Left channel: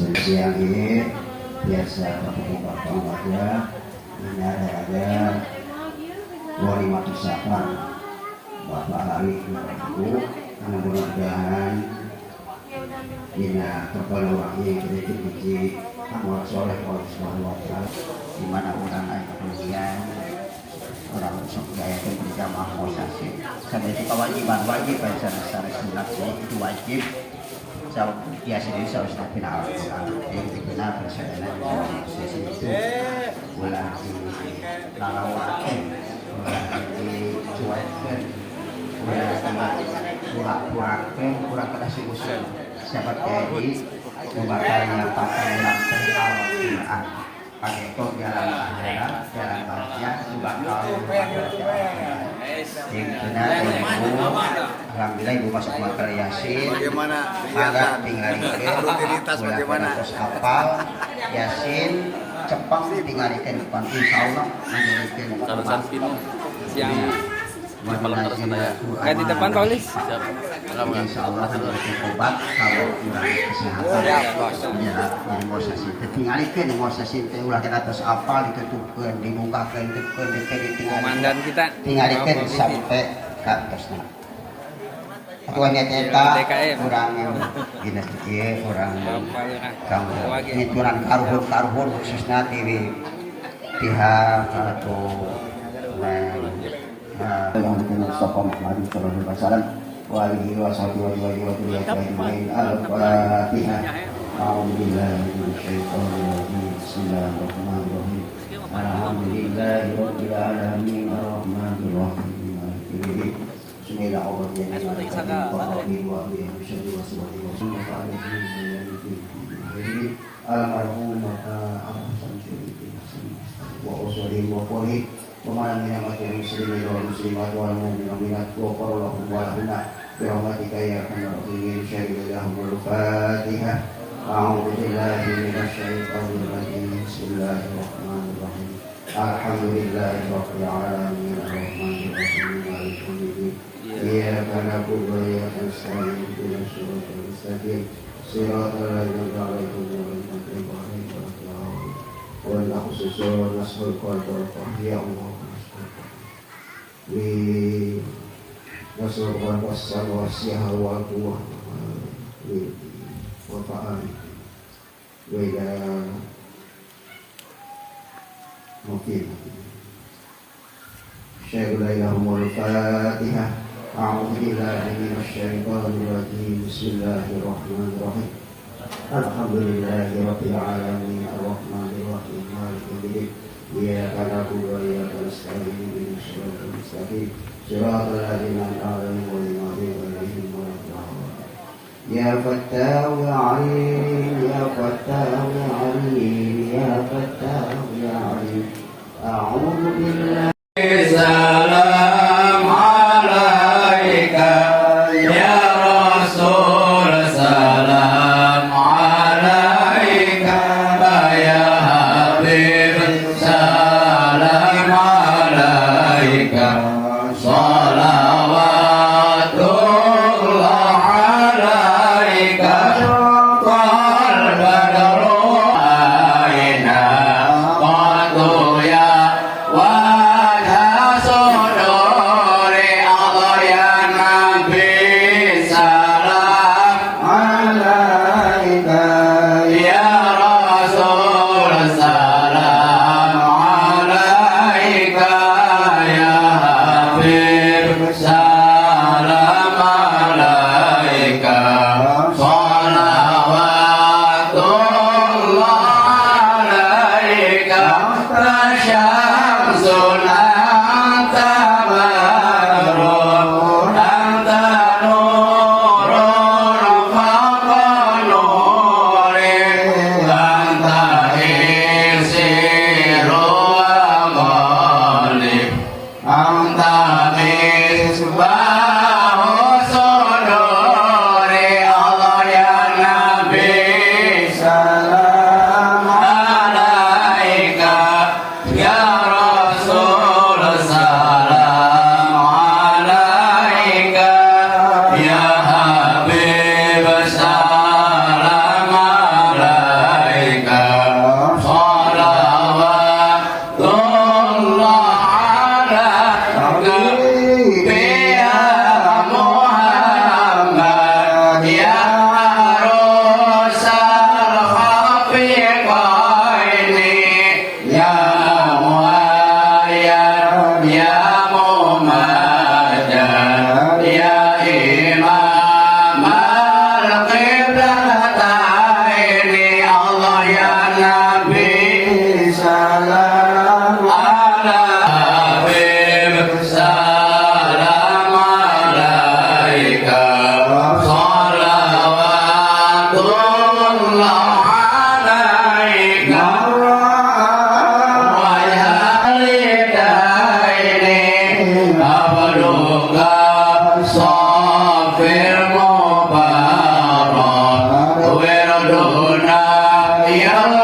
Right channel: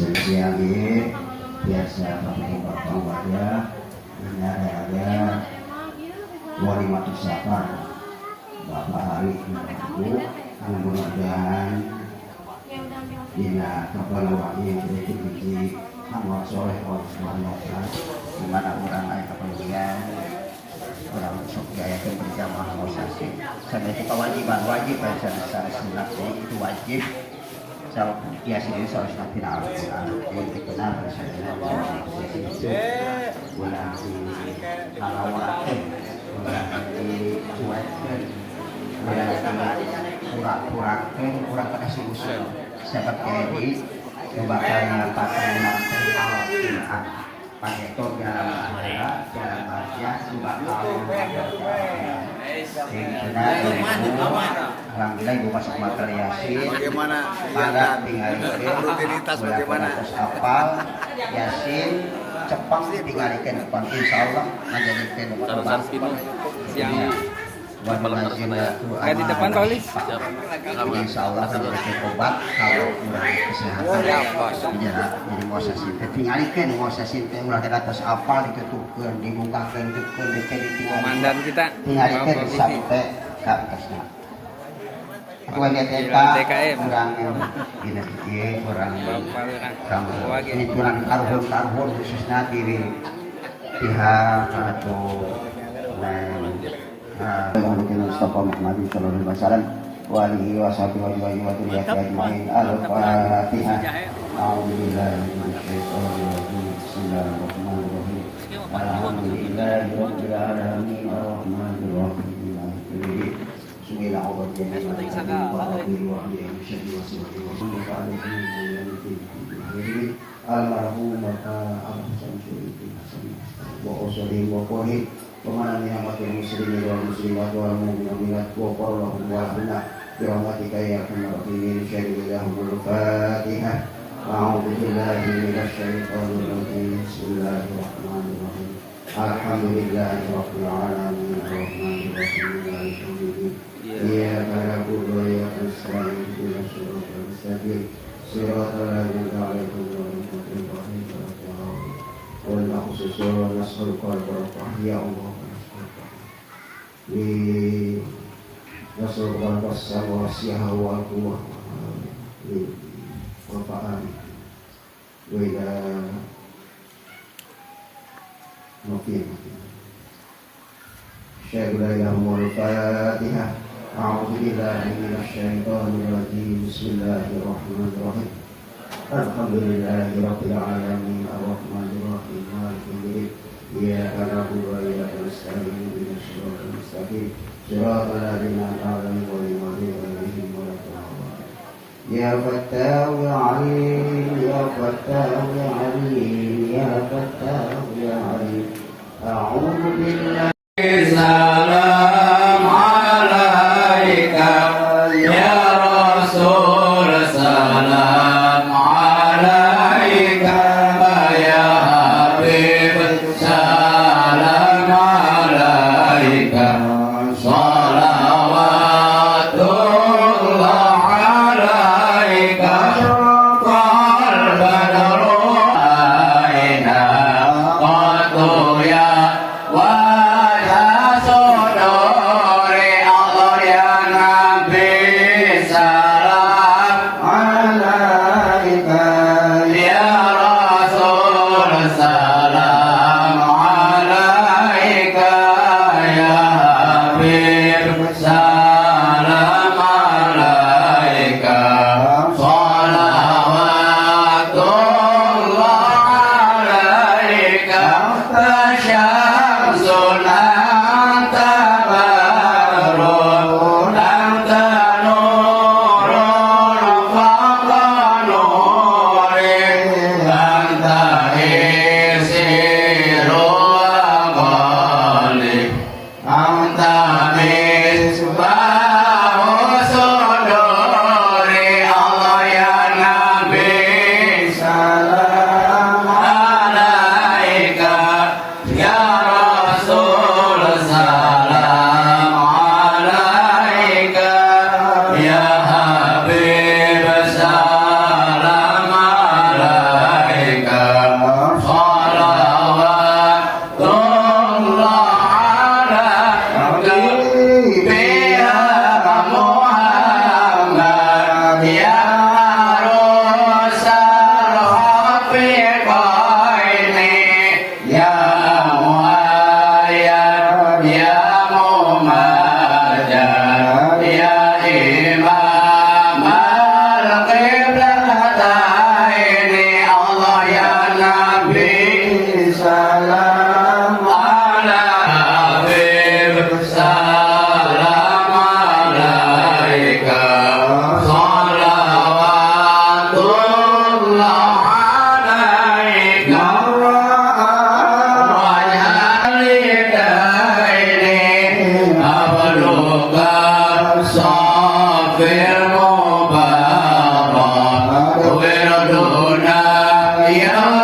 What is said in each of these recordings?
siang ini biasa bapak baca ada 25 bapak hari ibu karena mudah-mudahan dina keperluan yang kita biji amal soleh oleh Subhanahu wa Ta'ala di mana orang lain kemudian orang sok daya berjamaah musafir karena itu kewajiban wajib secara sunat itu wajib biasanya harus nabi Al-Quran yang dikenal bersama sesi itu mulai lalawakin mulai dicuaikan mulai kurang-kurangkan kurang kasih usul seperti batalnya patahnya perihal itu jalan bahagia juga kalau alhamdulillah ibu masuk makal yasin bagaimana kegiatan rutinitas bagaimana apa yasin cepang tinggalkan depan insyaallah menjadikan tarusan pinu yang di malam sana ya. Di depan Pak Uli. Siap. Insyaallah terus obat kalau udah kesehatan. Ya, Bos. Jadi mosasi. Tinggalkan mosasi teh ulah kita terus apal ditutupkeun, dibukakeun, ditinggalkan. Komandan kita Tinggalkan sampai ke atasnya. Tuan TKM orang gini orang Bapak Lurah. ini kurang karhun khususnya di pihak atau Mustafa Muhammad sallallahu alaihi wasallam wa alihi wa sahbihi wa ajma'in al-Fatihah. A'udzubillahi minasyaitonir rajim. Bismillahirrahmanirrahim. Alhamdulillahirabbil alamin arrahmanir rahim maliki yaumiddin. Bismillahirrahmanirrahim. Almarhum Bapak Ahmad Syamsuddin wa usuli wa qahid وما من أمة المسلمين والمسلمات والمؤمنات وغفر لهم ولهن برحمتك يا أرحم الراحمين شهد لهم الفاتحة أعوذ بالله من الشيطان الرجيم بسم الله الرحمن الرحيم الحمد لله رب العالمين الرحمن الرحيم مالك يوم الدين إياك نعبد وإياك نستعين اهدنا الصراط المستقيم صراط الذين أنعمت عليهم غير المغضوب عليهم ولا الضالين ولا خصوصا نصر القلب يا الله نصر القلب والسماء والقوة والطعام وإلى مقيم شهد لهم الفاتحة أعوذ بالله من الشيطان الرجيم بسم الله الرحمن الرحيم الحمد لله رب العالمين الرحمن الرحيم مالك يوم الدين إياك نعبد وإياك نستعين اهدنا الصراط المستقيم صراط الذين أنعمت عليهم غير المغضوب عليهم ولا الضالين يا فتاح يا عليم يا فتاح يا عليم يا فتاح يا عليم أعوذ بالله سلام عليك يا رسول سلام عليك يا حبيب سلام عليك صلوات الله عليك قال بدر أين قد يا وجه صدور أضيا نبي سلام عليك يا رسول سلام عليك يا حبيب سلام عليك صلوات الله عليك فشمس أنت بدر أنت نور فوق نور أنت عز salam ala Habib salam alaika salawatullah alaika wa ya lidaini abduka safir mubarak wirduna yang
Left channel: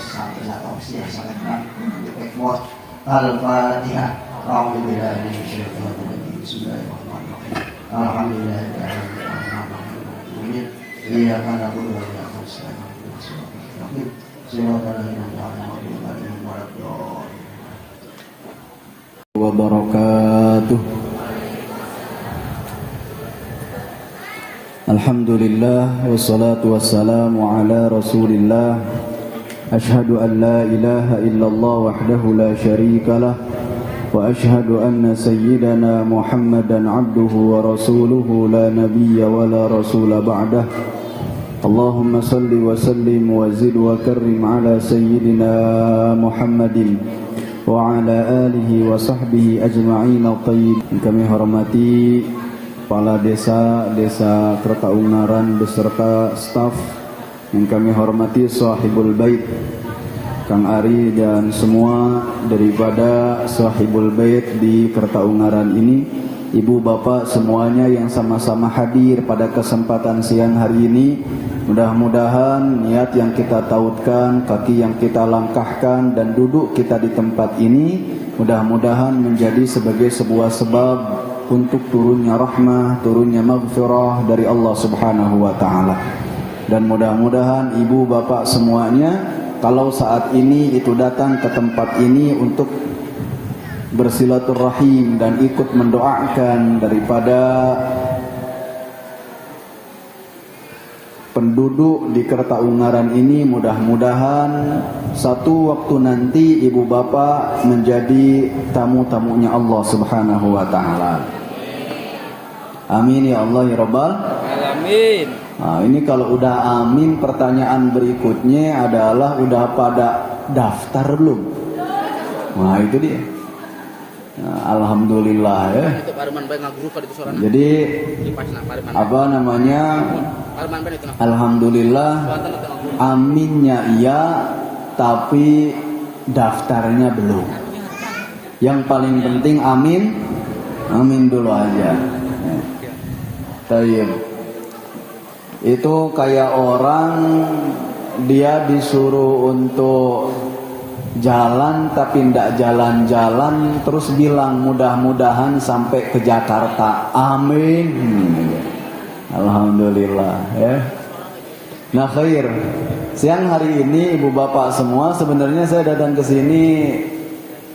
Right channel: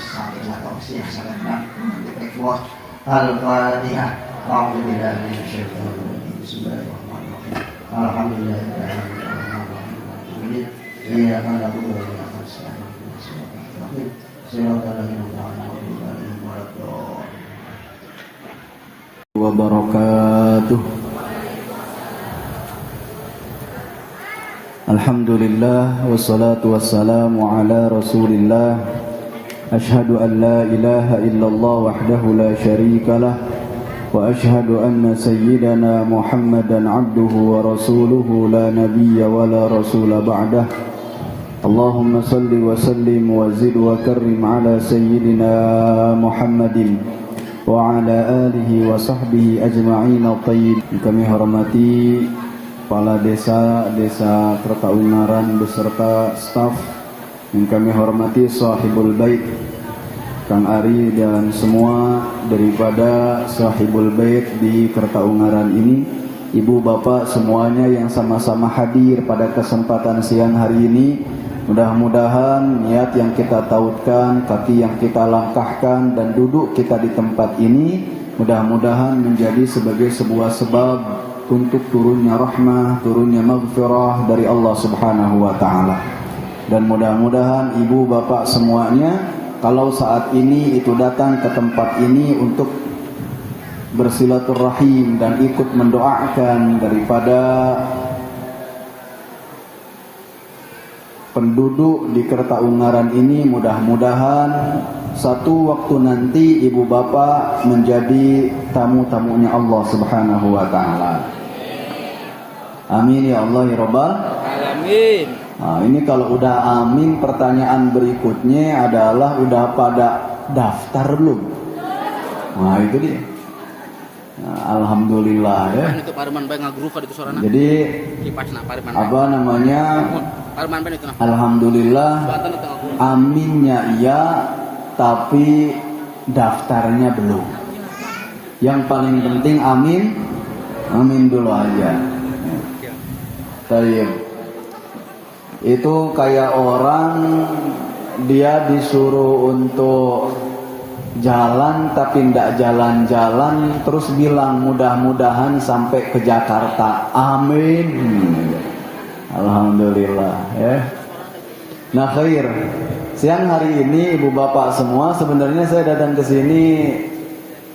sampai tausiah sangat bos. Al-Fatihah. Alhamdulillah. Bismillahirrahmanirrahim. Alhamdulillah. Iya karena aku dari atas. Wabarakatuh. Alhamdulillah wassalatu wassalamu ala Rasulillah. Asyhadu an la ilaha illallah wahdahu la syarikalah wa asyhadu anna sayyidana Muhammadan abduhu wa rasuluhu la nabiyya wa la rasula ba'dah. Allahumma salli wa sallim wa zid wa karrim ala sayyidina Muhammadin wa ala alihi wa sahbihi ajma'in at-tayyib. Kami hormati kepala desa Kertaungaran beserta staf yang kami hormati sahibul bait Kang Ari dan semua daripada sahibul bait di Kertaungaran ini, ibu bapak semuanya yang sama-sama hadir pada kesempatan siang hari ini. Mudah-mudahan niat yang kita tautkan, kaki yang kita langkahkan, dan duduk kita di tempat ini mudah-mudahan menjadi sebagai sebuah sebab untuk turunnya rahmah, turunnya maghfirah dari Allah Subhanahu wa taala. Dan mudah-mudahan ibu bapak semuanya kalau saat ini itu datang ke tempat ini untuk bersilaturahim dan ikut mendoakan daripada penduduk di Kertaungaran ini, mudah-mudahan satu waktu nanti ibu bapak menjadi tamu-tamunya Allah Subhanahu wa taala. Amin ya Allah ya Rabbal Alamin. Nah, ini kalau udah amin, pertanyaan berikutnya adalah udah pada daftar belum? Nah, itu dia. Nah, alhamdulillah ya. Jadi apa namanya? Alhamdulillah, aminnya iya, tapi daftarnya belum. Yang paling penting amin dulu aja. Tayyib. Itu kayak orang dia disuruh untuk jalan tapi tidak jalan-jalan, terus bilang mudah-mudahan sampai ke Jakarta. Amin. Alhamdulillah ya. Nah khair. Siang hari ini ibu bapak semua, sebenarnya saya datang ke sini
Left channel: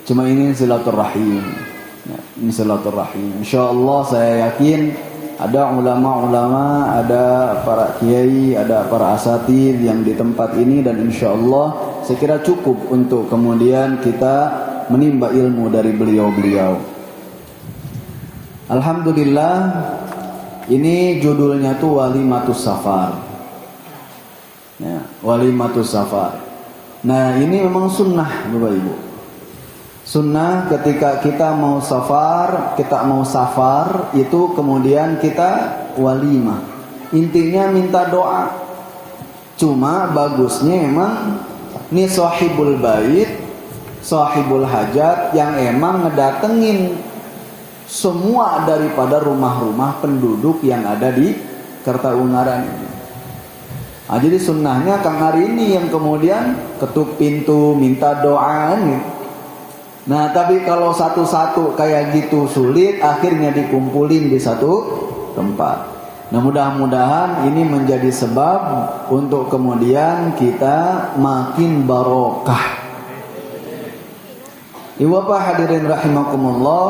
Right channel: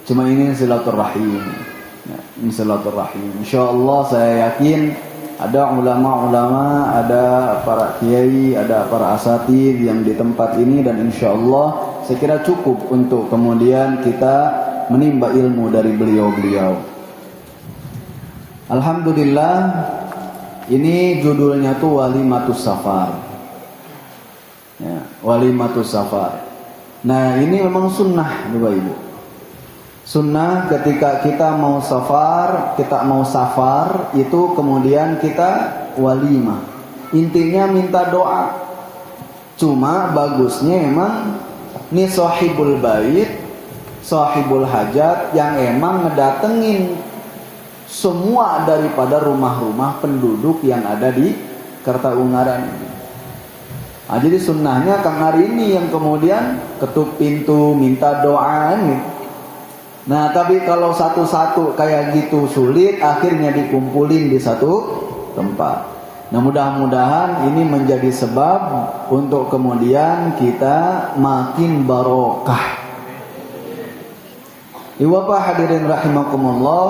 cuma ingin silaturahim. Ya, silaturahim. Insyaallah saya yakin ada ulama-ulama, ada para kiai, ada para asatidz yang di tempat ini, dan insyaallah saya kira cukup untuk kemudian kita menimba ilmu dari beliau-beliau. Alhamdulillah, ini judulnya tuh Walimatus Safar. Ya, Walimatus Safar. Nah, ini memang sunnah Bapak Ibu. Sunnah ketika kita mau safar itu kemudian kita walimah. Intinya minta doa. Cuma bagusnya emang nih sahibul bait, sahibul hajat yang emang ngedatengin semua daripada rumah-rumah penduduk yang ada di Kertaungaran. Nah, jadi sunnahnya Kang hari ini yang kemudian ketuk pintu minta doa nih. Nah, tapi kalau satu-satu kayak gitu sulit, akhirnya dikumpulin di satu tempat. Nah, mudah-mudahan ini menjadi sebab untuk kemudian kita makin barokah. Ibu bapak hadirin rahimakumullah,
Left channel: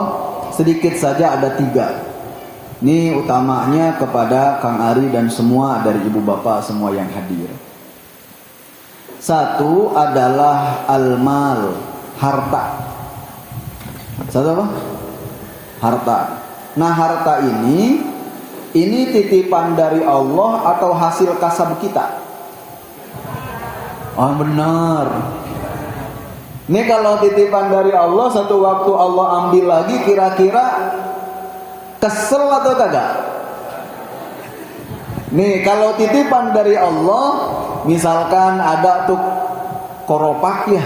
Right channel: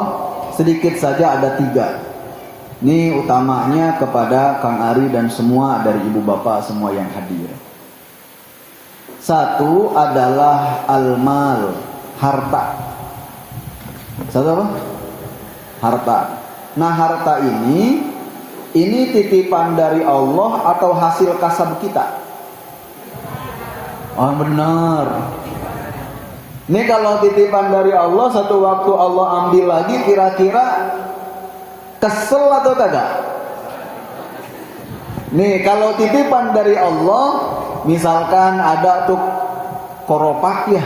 sedikit saja ada 3. Ini utamanya kepada Kang Ari dan semua dari ibu bapak semua yang hadir. 1 adalah al-mal, harta. Satu apa? Harta. Nah, harta ini titipan dari Allah atau hasil kasab kita? Oh benar. Ini kalau titipan dari Allah, satu waktu Allah ambil lagi, kira-kira kesel atau kagak? Nih kalau titipan dari Allah, misalkan ada tuh koropak ya,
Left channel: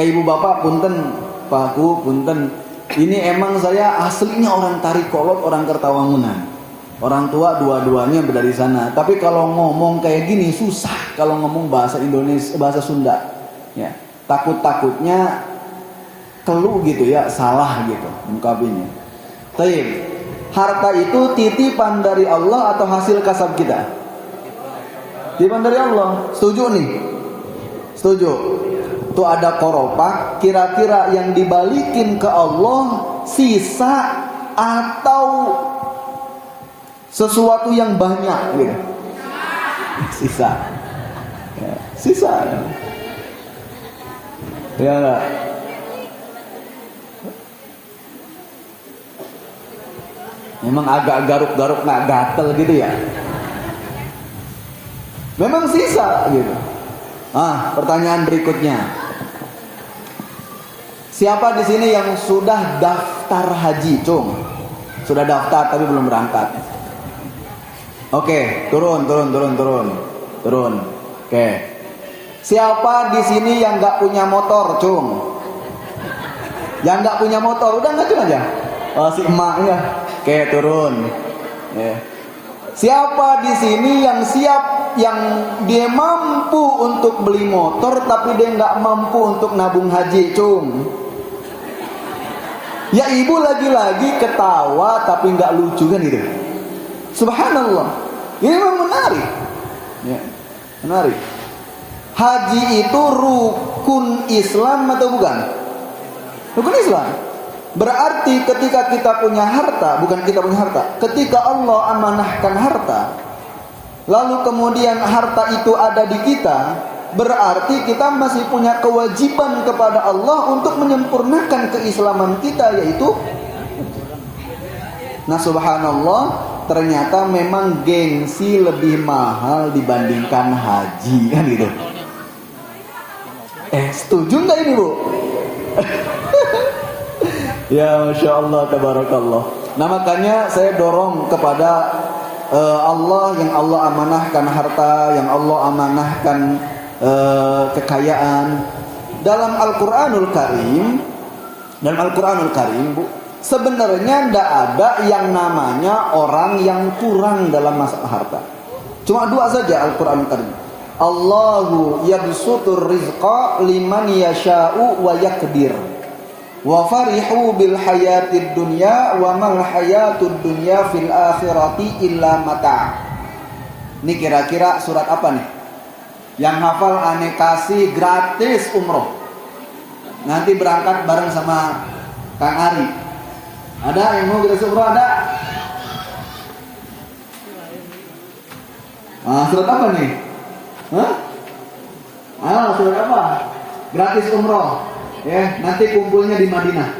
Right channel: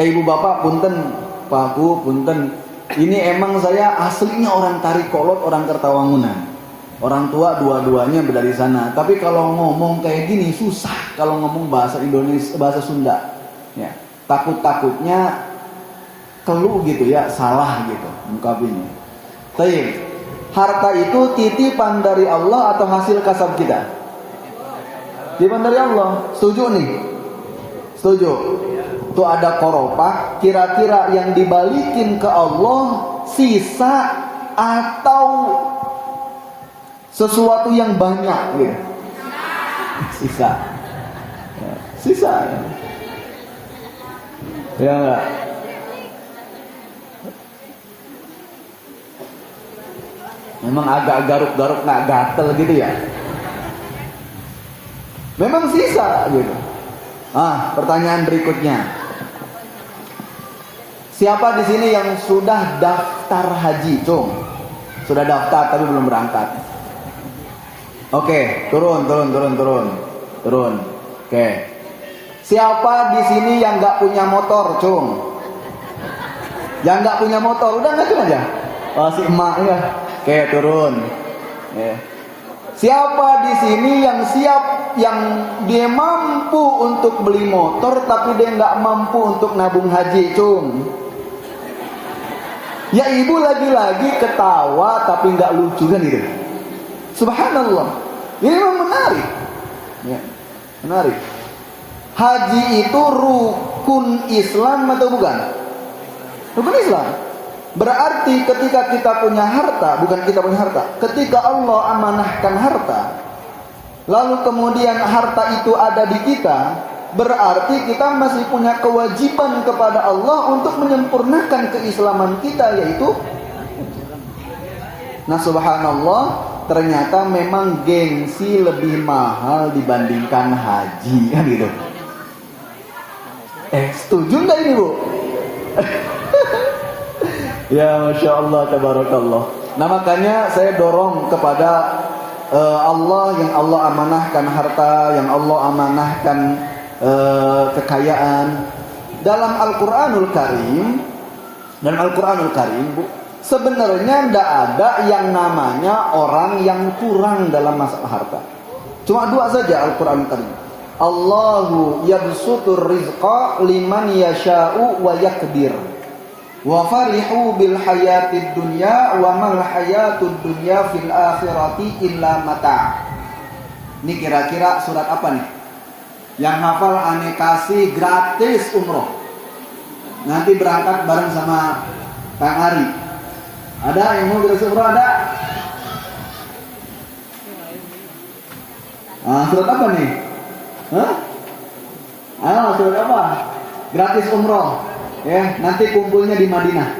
ibu bapak punten, Pakku punten, ini emang saya aslinya orang Tarikolot, orang Kertawangunan. Orang tua dua-duanya dari sana. Tapi kalau ngomong kayak gini susah kalau ngomong bahasa Indonesia, bahasa Sunda. Ya, takut-takutnya keluh gitu ya, salah gitu mengkabinya. Baik, harta itu titipan dari Allah atau hasil kasab kita? Titipan dari Allah. Setuju nih? Setuju. Itu ada koropak, kira-kira yang dibalikin ke Allah sisa atau sesuatu yang banyak gitu. Sisa. Ya, sisa. Ya enggak? Memang agak garuk-garuk, nggak gatel gitu ya. Memang sisa gitu. Pertanyaan berikutnya. Siapa di sini yang sudah daftar haji, Cung? Sudah daftar tapi belum berangkat. Oke, turun. Oke. Siapa di sini yang nggak punya motor, Cung? Yang nggak punya motor, udah ngacung aja. Si emak ya. Oke, turun. Siapa di sini yang siap, yang dia mampu untuk beli motor tapi dia nggak mampu untuk nabung haji, Cung? Ya ibu lagi-lagi ketawa tapi nggak lucu kan gitu. Subhanallah. Ini memang menarik. Ya, menarik. Haji itu rukun Islam atau bukan? Rukun Islam. Berarti ketika kita punya harta, bukan kita punya harta, ketika Allah amanahkan harta, lalu kemudian harta itu ada di kita, berarti kita masih punya kewajiban kepada Allah untuk menyempurnakan keislaman kita, yaitu, nah subhanallah, ternyata memang gengsi lebih mahal dibandingkan haji, kan gitu. Setuju nggak ini, Bu? Ya, Masya Allah, tabarakallah. Nah makanya saya dorong kepada Allah, yang Allah amanahkan harta, yang Allah amanahkan kekayaan. Dalam Al-Quranul Karim, Bu, sebenarnya tidak ada yang namanya orang yang kurang dalam masalah harta. Cuma dua saja Al-Quranul Karim. Allahu yabsutur rizqa liman yasha'u wa yakdir. Wa farihu bil hayatid dunya wa mal hayatud dunya fil akhirati illa mata'. Ini kira-kira surat apa nih? Yang hafal aneh kasih gratis umroh. Nanti berangkat bareng sama Kang Ari. Ada yang mau gratis umroh, ada? Surat apa nih? Surat apa? Gratis umroh. Ya, nanti kumpulnya di Madinah.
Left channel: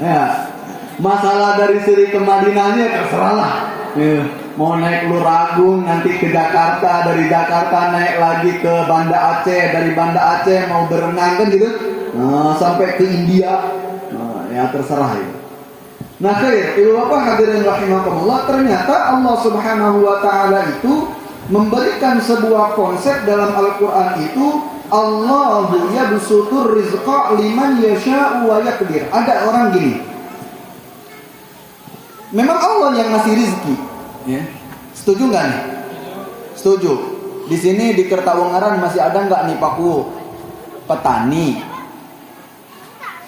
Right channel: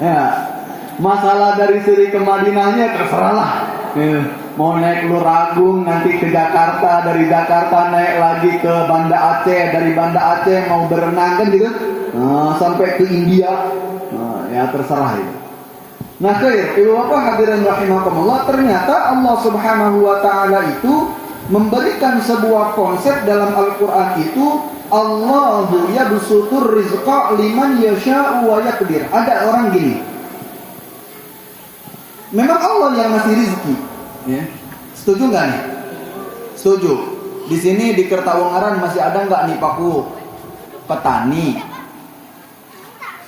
Ya, masalah dari Siri ke Madinahnya terserahlah. Ya, mau naik Luragung nanti ke Jakarta, dari Jakarta naik lagi ke Banda Aceh, dari Banda Aceh mau berenang kan gitu. Sampai ke India. Ya terserah itu. Nah, hadirin rahimakumullah, ternyata Allah Subhanahu wa taala itu memberikan sebuah konsep dalam Al-Qur'an itu, Allahu yabsutur rizqa liman yasha'u wa yaqdir. Ada orang gini. Memang Allah yang ngasih rizki, ya. Setuju nggak nih? Setuju. Di sini di Kertawengaran masih ada nggak nih paku petani?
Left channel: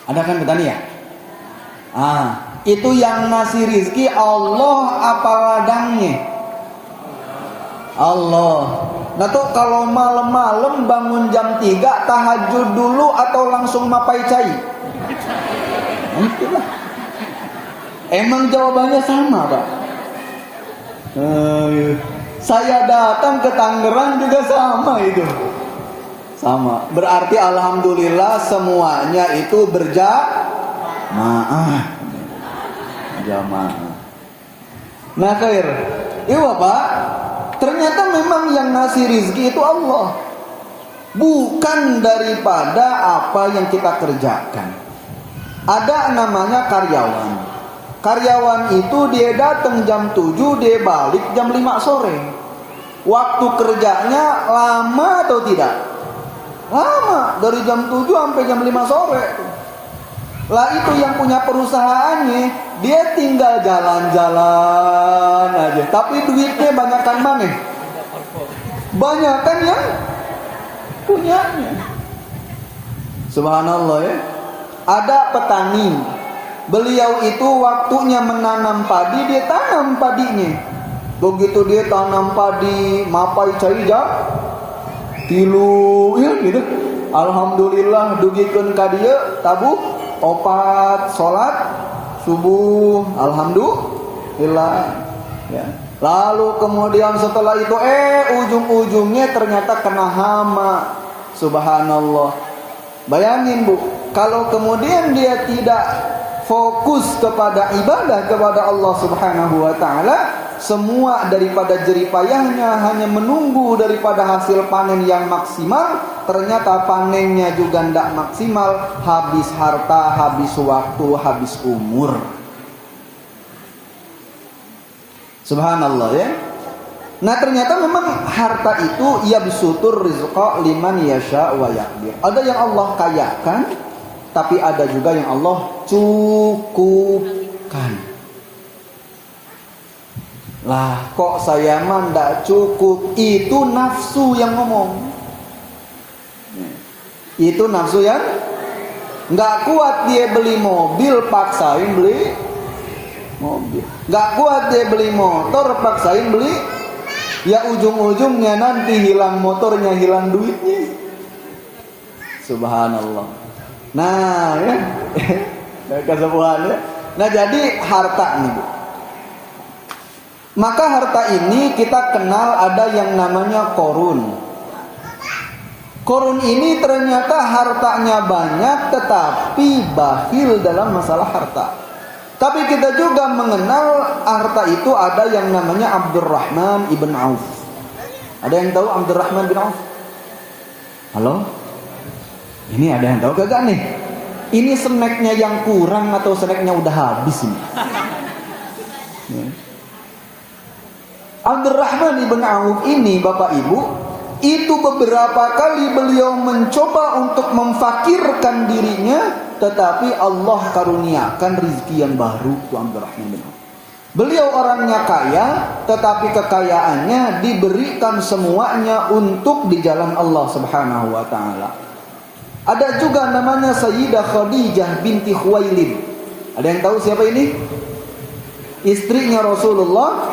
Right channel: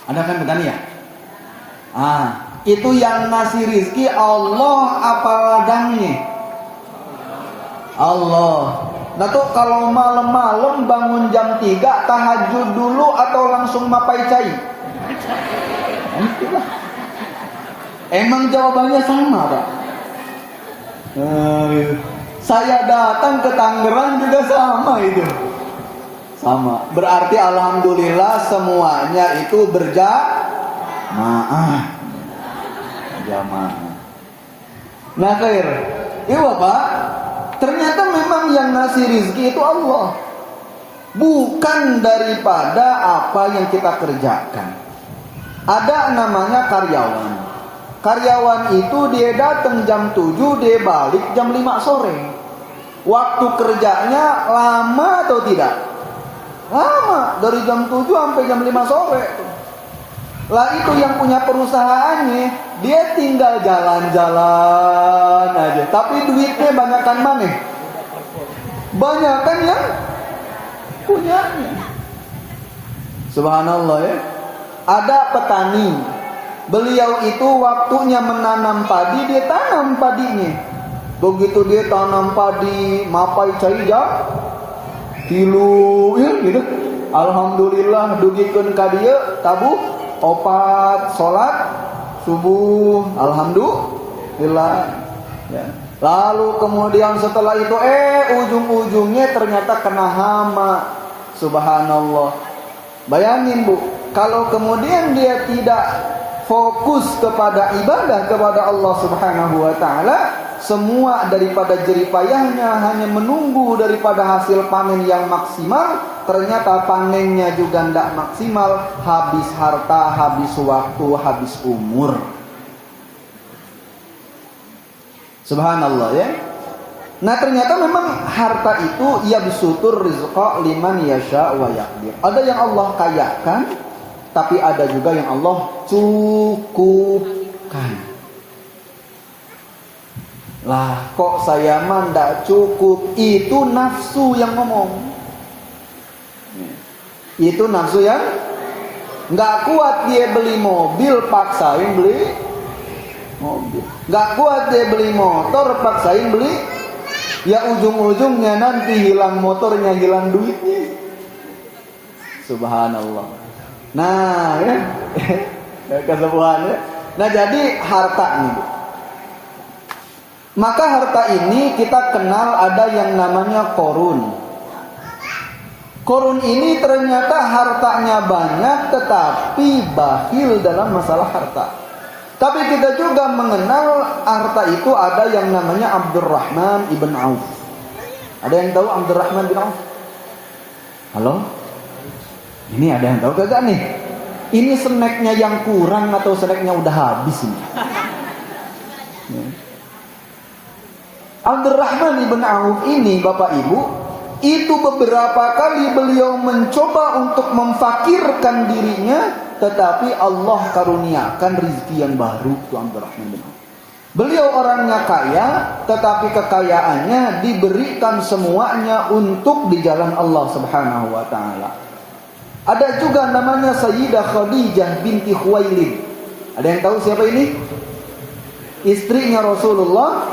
Ada kan petani ya? Itu yang ngasih rizki Allah apa ladangnya? Allah. Nah tuh kalau malam-malam bangun jam 3 tahajud dulu atau langsung mapai cai? Emang jawabannya sama, Pak? Saya datang ke Tangerang juga sama itu. Sama. Berarti alhamdulillah semuanya itu berjamaah. Nah, khair. Iya, Pak. Ternyata memang yang ngasih rizki itu Allah, bukan daripada apa yang kita kerjakan. Ada namanya karyawan. Karyawan itu dia datang jam 7, dia balik jam 5 sore. Waktu kerjanya lama atau tidak? Lama, dari jam 7 sampai jam 5 sore. Lah itu yang punya perusahaannya, dia tinggal jalan-jalan aja. Tapi duitnya banyakkan mana? Banyakkan yang punyanya. Subhanallah ya. Ada petani, beliau itu waktunya menanam padi, dia tanam padinya. Begitu dia tanam padi, mapai caida, tilu, gitu. Alhamdulillah dugikeun ka dieu tabuh opat salat subuh, alhamdulillah. Ya. Lalu kemudian setelah itu ujung-ujungnya ternyata kena hama. Subhanallah. Bayangin Bu, kalau kemudian dia tidak fokus kepada ibadah kepada Allah Subhanahu wa taala, semua daripada jeripayahnya hanya menunggu daripada hasil panen yang maksimal, ternyata panennya juga tidak maksimal, habis harta, habis waktu, habis umur. Subhanallah ya. Nah ternyata memang harta itu yabsutur rizqa liman yasha wa yaqdir. Ada yang Allah kayakan, tapi ada juga yang Allah cukupkan. Lah kok saya mah ndak cukup? Itu nafsu yang ngomong. Itu nafsu yang nggak kuat dia beli mobil, paksain beli mobil. Nggak kuat dia beli motor, paksain beli. Ya ujung-ujungnya nanti hilang motornya, hilang duitnya. Subhanallah. Nah ya, kesepuhan ya. Nah jadi harta nih Bu. Maka harta ini kita kenal ada yang namanya korun. Korun ini ternyata hartanya banyak tetapi bakhil dalam masalah harta. Tapi kita juga mengenal harta itu ada yang namanya Abdurrahman ibn Auf. Ada yang tahu Abdurrahman bin Auf? Halo? Ini ada yang tahu kagak nih? Ini snacknya yang kurang atau snacknya udah habis ini? Abdurrahman ibn Auf ini Bapak Ibu, itu beberapa kali beliau mencoba untuk memfakirkan dirinya, tetapi Allah karuniakan rezeki yang baru ke Abdurrahman bin Auf. Beliau orangnya kaya, tetapi kekayaannya diberikan semuanya untuk di jalan Allah Subhanahu wa taala. Ada juga namanya Sayyidah Khadijah binti Khuwailid. Ada yang tahu siapa ini? Istrinya Rasulullah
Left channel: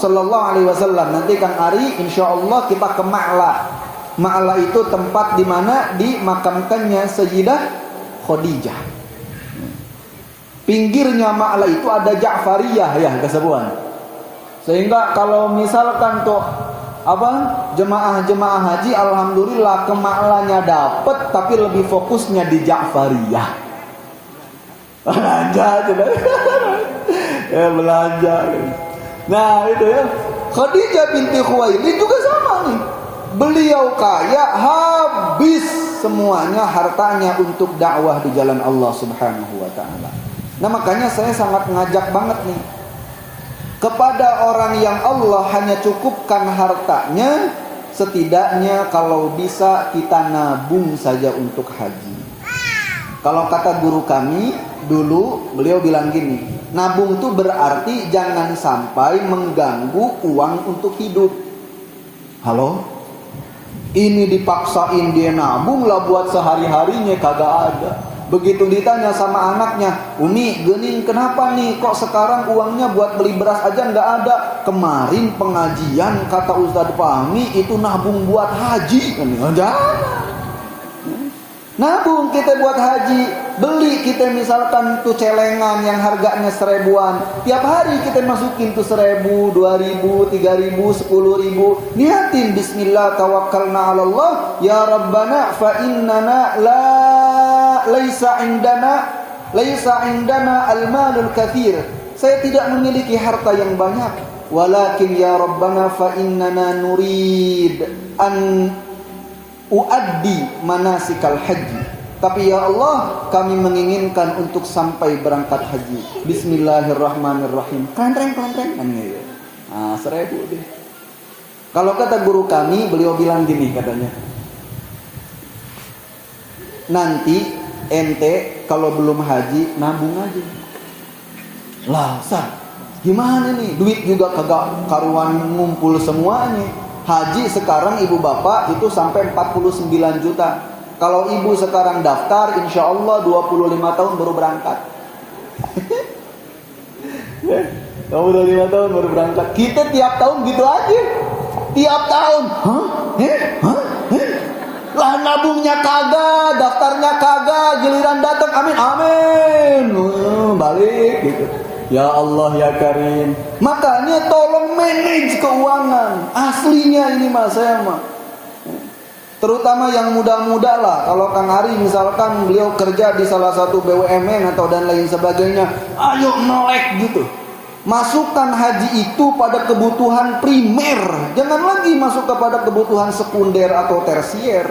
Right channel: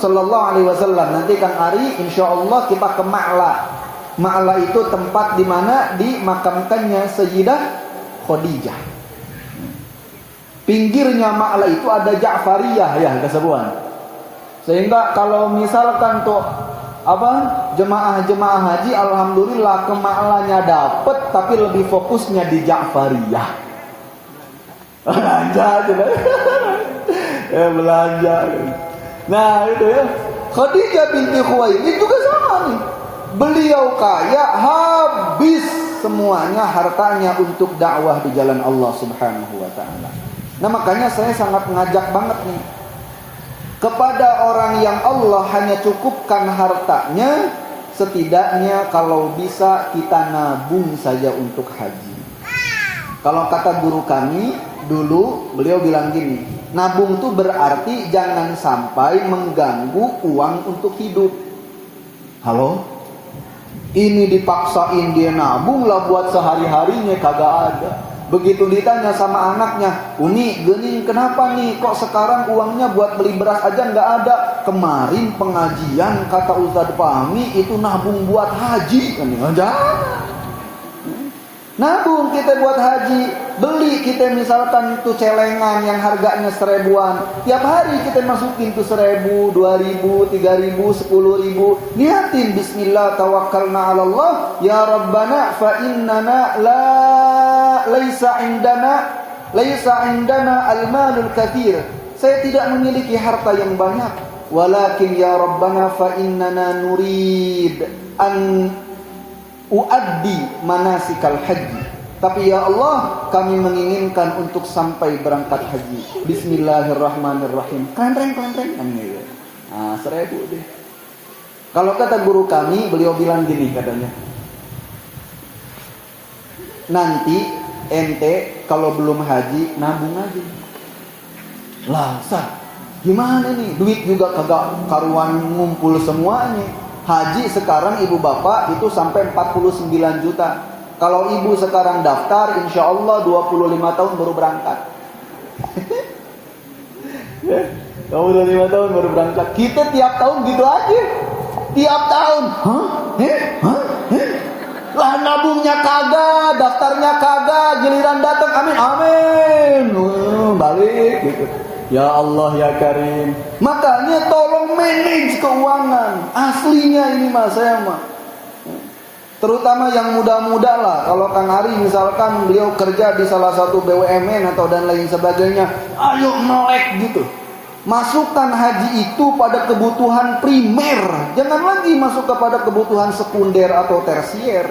sallallahu alaihi wasallam. Nanti kan hari insyaallah kita ke Ma'la. Ma'la itu tempat di mana dimakamkannya Sayyidah Khadijah. Pinggirnya Ma'la itu ada Ja'fariyah ya kesebuan. Sehingga kalau misalkan kok jemaah-jemaah haji alhamdulillah ke Ma'lanya dapat, tapi lebih fokusnya di Ja'fariyah. Belanja sudah. Ya belanja. Nah itu ya, Khadijah binti Khuwailid juga sama nih. Beliau kaya, habis semuanya hartanya untuk dakwah di jalan Allah Subhanahu wa taala. Nah makanya saya sangat mengajak banget nih kepada orang yang Allah hanya cukupkan hartanya, setidaknya kalau bisa kita nabung saja untuk haji. Kalau kata guru kami dulu, beliau bilang gini, nabung itu berarti jangan sampai mengganggu uang untuk hidup. Halo? Ini dipaksain dia nabung lah buat sehari-harinya, kagak ada. Begitu ditanya sama anaknya, Umi, gini kenapa nih kok sekarang uangnya buat beli beras aja nggak ada? Kemarin pengajian kata Ustadz Fahmi itu nabung buat haji. Ada? Nabung kita buat haji, beli kita misalkan tuh celengan yang harganya 1000-an, tiap hari kita masukin tuh 1000, 2000, 3000, 10.000, niatin Bismillah tawakkalna 'ala Allah, ya Rabbana fa innana laisa indana al-malul katsir. Saya tidak memiliki harta yang banyak, walakin ya Rabbana fa innana nurid an uaddi manasikal haji. Tapi ya Allah, kami menginginkan untuk sampai berangkat haji. Bismillahirrahmanirrahim. Klanteng. Nah, 1000 deh. Kalau kata guru kami, beliau bilang gini katanya. Nanti ente kalau belum haji nabung aja. Lah, gimana nih? Duit juga kagak karuan ngumpul semuanya. Haji sekarang ibu bapak itu sampai 49 juta. Kalau ibu sekarang daftar, insya Allah 25 tahun baru berangkat. Ya, 25 tahun baru berangkat. Kita tiap tahun gitu aja. Tiap tahun. Hah? Lah nabungnya kagak, daftarnya kagak, giliran datang amin. Balik gitu. Ya Allah ya Karim. Makanya tolong manage keuangan. Aslinya ini mas saya mah. Terutama yang muda-muda lah. Kalau Kang Ari misalkan beliau kerja di salah satu BUMN atau dan lain sebagainya, ayo melek gitu. Masukkan haji itu pada kebutuhan primer. Jangan lagi masuk kepada kebutuhan sekunder atau tersier.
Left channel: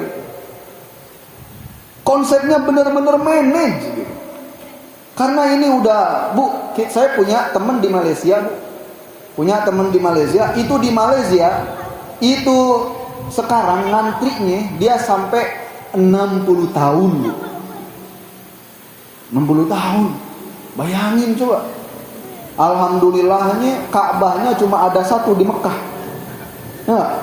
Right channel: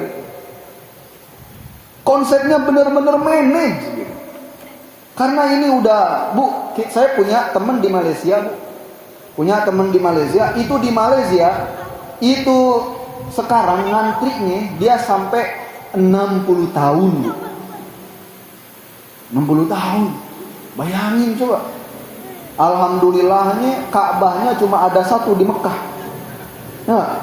Konsepnya benar-benar manage gitu. Karena ini udah, Bu, saya punya teman di Malaysia, Bu. Punya teman di Malaysia, itu di Malaysia itu sekarang ngantrinya dia sampai 60 tahun, Bu. 60 tahun. Bayangin coba. Alhamdulillahnya Ka'bahnya cuma ada satu di Mekah. Nah,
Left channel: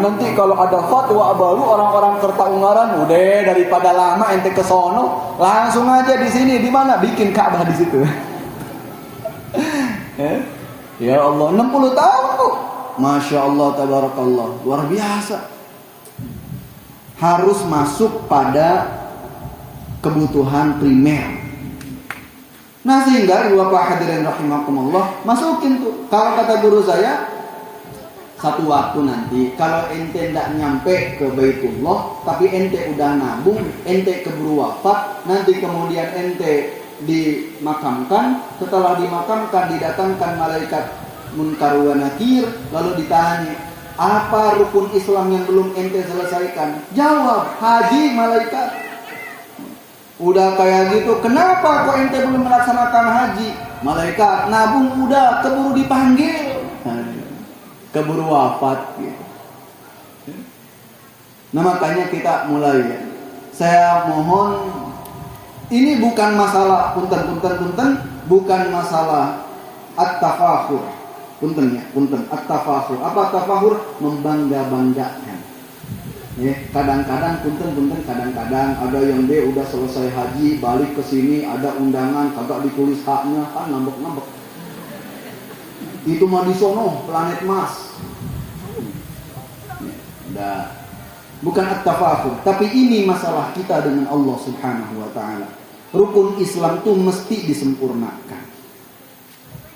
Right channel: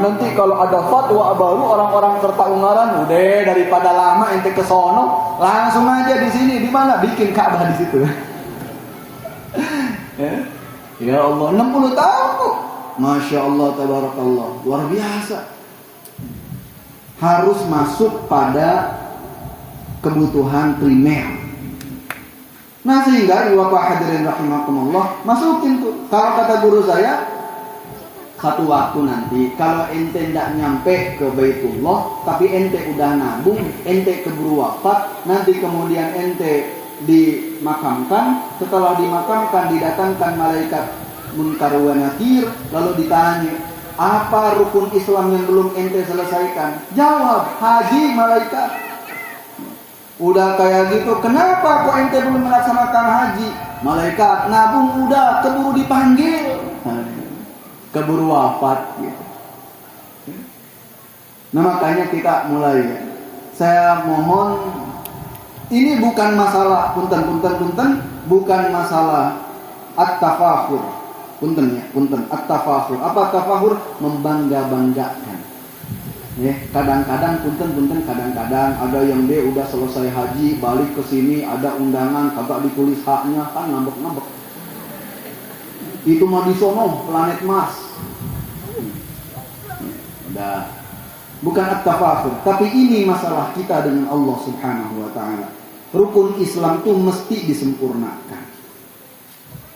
nanti kalau ada fatwa baru orang-orang Kertaungaran, udah daripada lama ente ke sono, langsung aja di sini di mana bikin Ka'bah di situ. Ya Allah, 60 tahun, Bu. Masya Allah, tabarakallah, luar biasa. Harus masuk pada kebutuhan primer. Nah sehingga ibu bapak hadirin rahimakumullah, masukin tuh. Kalau kata guru saya, satu waktu nanti kalau ente tidak nyampe ke Baitullah, tapi ente udah nabung, ente keburu wafat, nanti kemudian ente dimakamkan. Setelah dimakamkan didatangkan malaikat Munkar wa Nakir, lalu ditanya, apa rukun Islam yang belum ente selesaikan? Jawab, haji malaikat. Udah kayak gitu, kenapa kok ente belum melaksanakan haji? Malaikat, nabung udah, keburu dipanggil, keburu wafat gitu. Nah makanya kita mulai ya. Saya mohon, ini bukan masalah punten, bukan masalah at-tafakhur. Punten, at-tafakhur. Apa tafahur? Membangga-banggakan. Ya, kadang-kadang kadang-kadang ada yang dia udah selesai haji balik ke sini ada undangan kagak ditulis haknya kan ngambek-ngambek. Itu mah di sono planet Mars. Udah. Bukan at-tafakhur, tapi ini masalah kita dengan Allah Subhanahu wa taala. Rukun Islam itu mesti disempurnakan.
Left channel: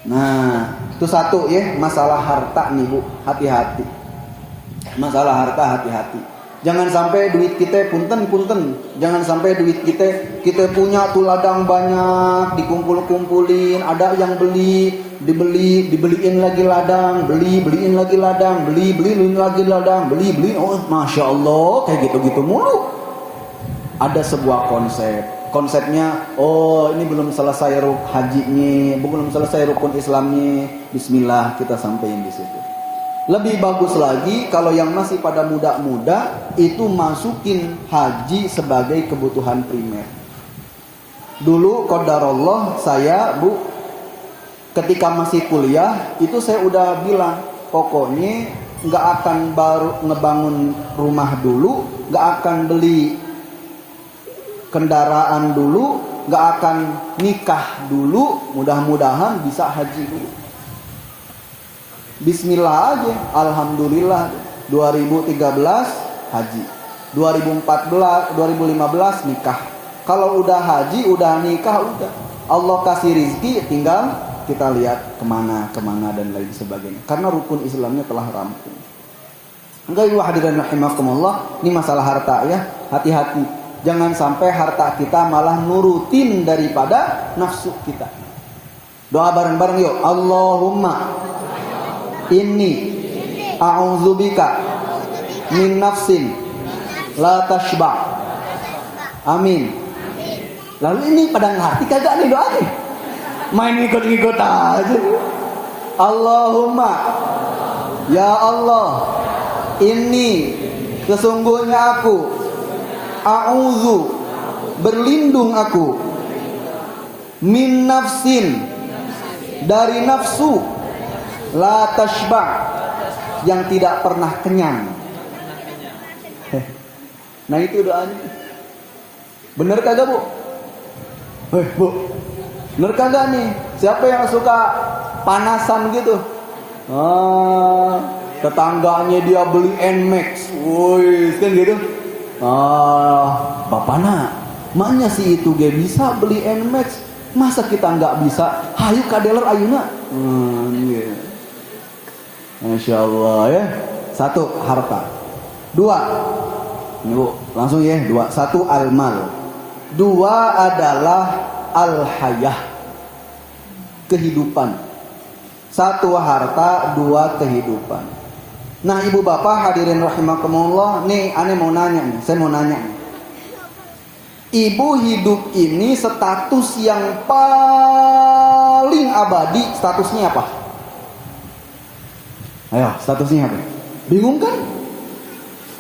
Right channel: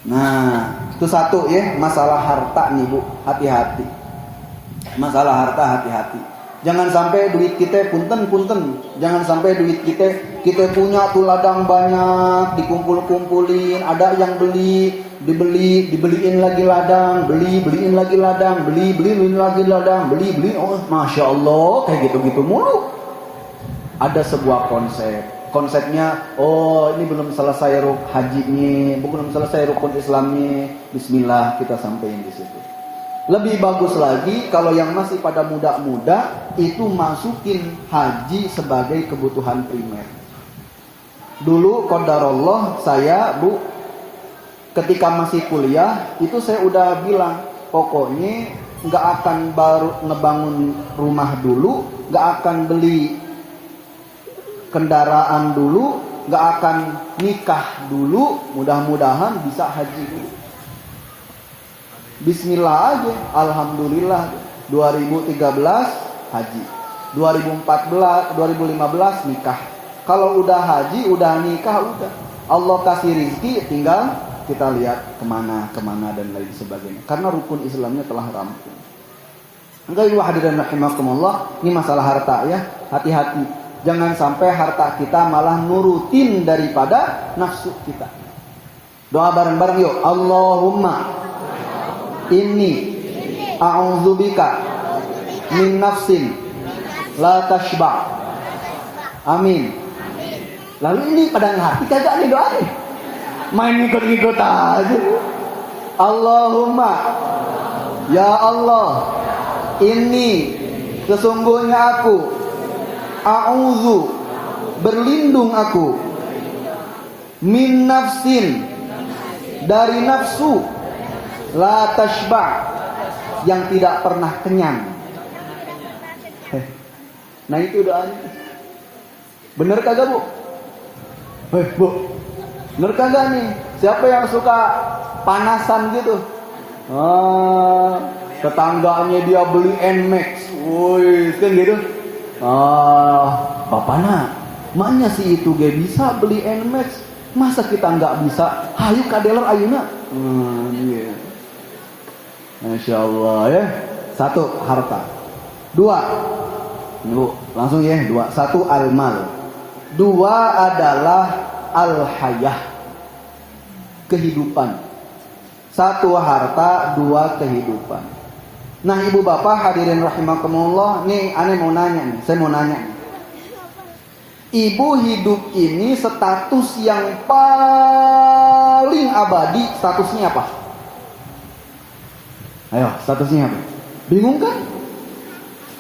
Nah, itu satu ya, masalah harta nih Bu, hati-hati. Masalah harta hati-hati. Jangan sampai duit kita punten. Jangan sampai duit kita punya tuh ladang banyak, dikumpulin, ada yang dibeliin lagi ladang, beliin lagi ladang, beliin lagi ladang, oh masya Allah kayak gitu mulu. Ada sebuah konsepnya, oh ini belum selesai hajinya, belum selesai rukun Islamnya, bismillah kita sampein di situ. Lebih bagus lagi kalau yang masih pada muda-muda itu masukin haji sebagai kebutuhan primer. Dulu qadarullah saya Bu, ketika masih kuliah itu saya udah bilang pokoknya nggak akan baru ngebangun rumah dulu, nggak akan beli kendaraan dulu, nggak akan nikah dulu, mudah-mudahan bisa haji dulu. Bismillah aja, alhamdulillah 2013 haji, 2015 nikah. Kalau udah haji, udah nikah, udah Allah kasih rizki, tinggal kita lihat kemana dan lain sebagainya. Karena rukun Islamnya telah rampung. Enggak, ibu hadirin rahimakumullah, ini masalah harta ya, hati-hati. Jangan sampai harta kita malah nurutin daripada nafsu kita. Doa bareng-bareng yuk. Allahumma inni a'udzubika min nafsin la tashba. Amin. Lalu ini pada hati kagak nih doa nih. Main ikut-ikut aja. Allahumma, ya Allah, ini sesungguhnya aku a'udzu, berlindung aku, min nafsin, dari nafsu, la tashba, yang tidak pernah kenyang. Nah itu doanya. Bener kagak Bu? Bu, bener kagak nih? Siapa yang suka panasan gitu? Tetangganya dia beli Nmax, woi, kan gitu. Bapaknya, mana sih itu dia bisa beli Nmax? Masa kita nggak bisa? Hayu kadeler ayuna. Yeah. Masya Allah ya. 1, harta. 2, yuk langsung ya. 2, 1 al-mal. 2 adalah al-hayah, kehidupan. 1 harta, 2 kehidupan. Nah ibu bapak hadirin rahimakumullah, nih aneh mau nanya nih, saya mau nanya nih. Ibu hidup ini status yang paling abadi, statusnya apa? Ayo, statusnya apa? Bingung kan?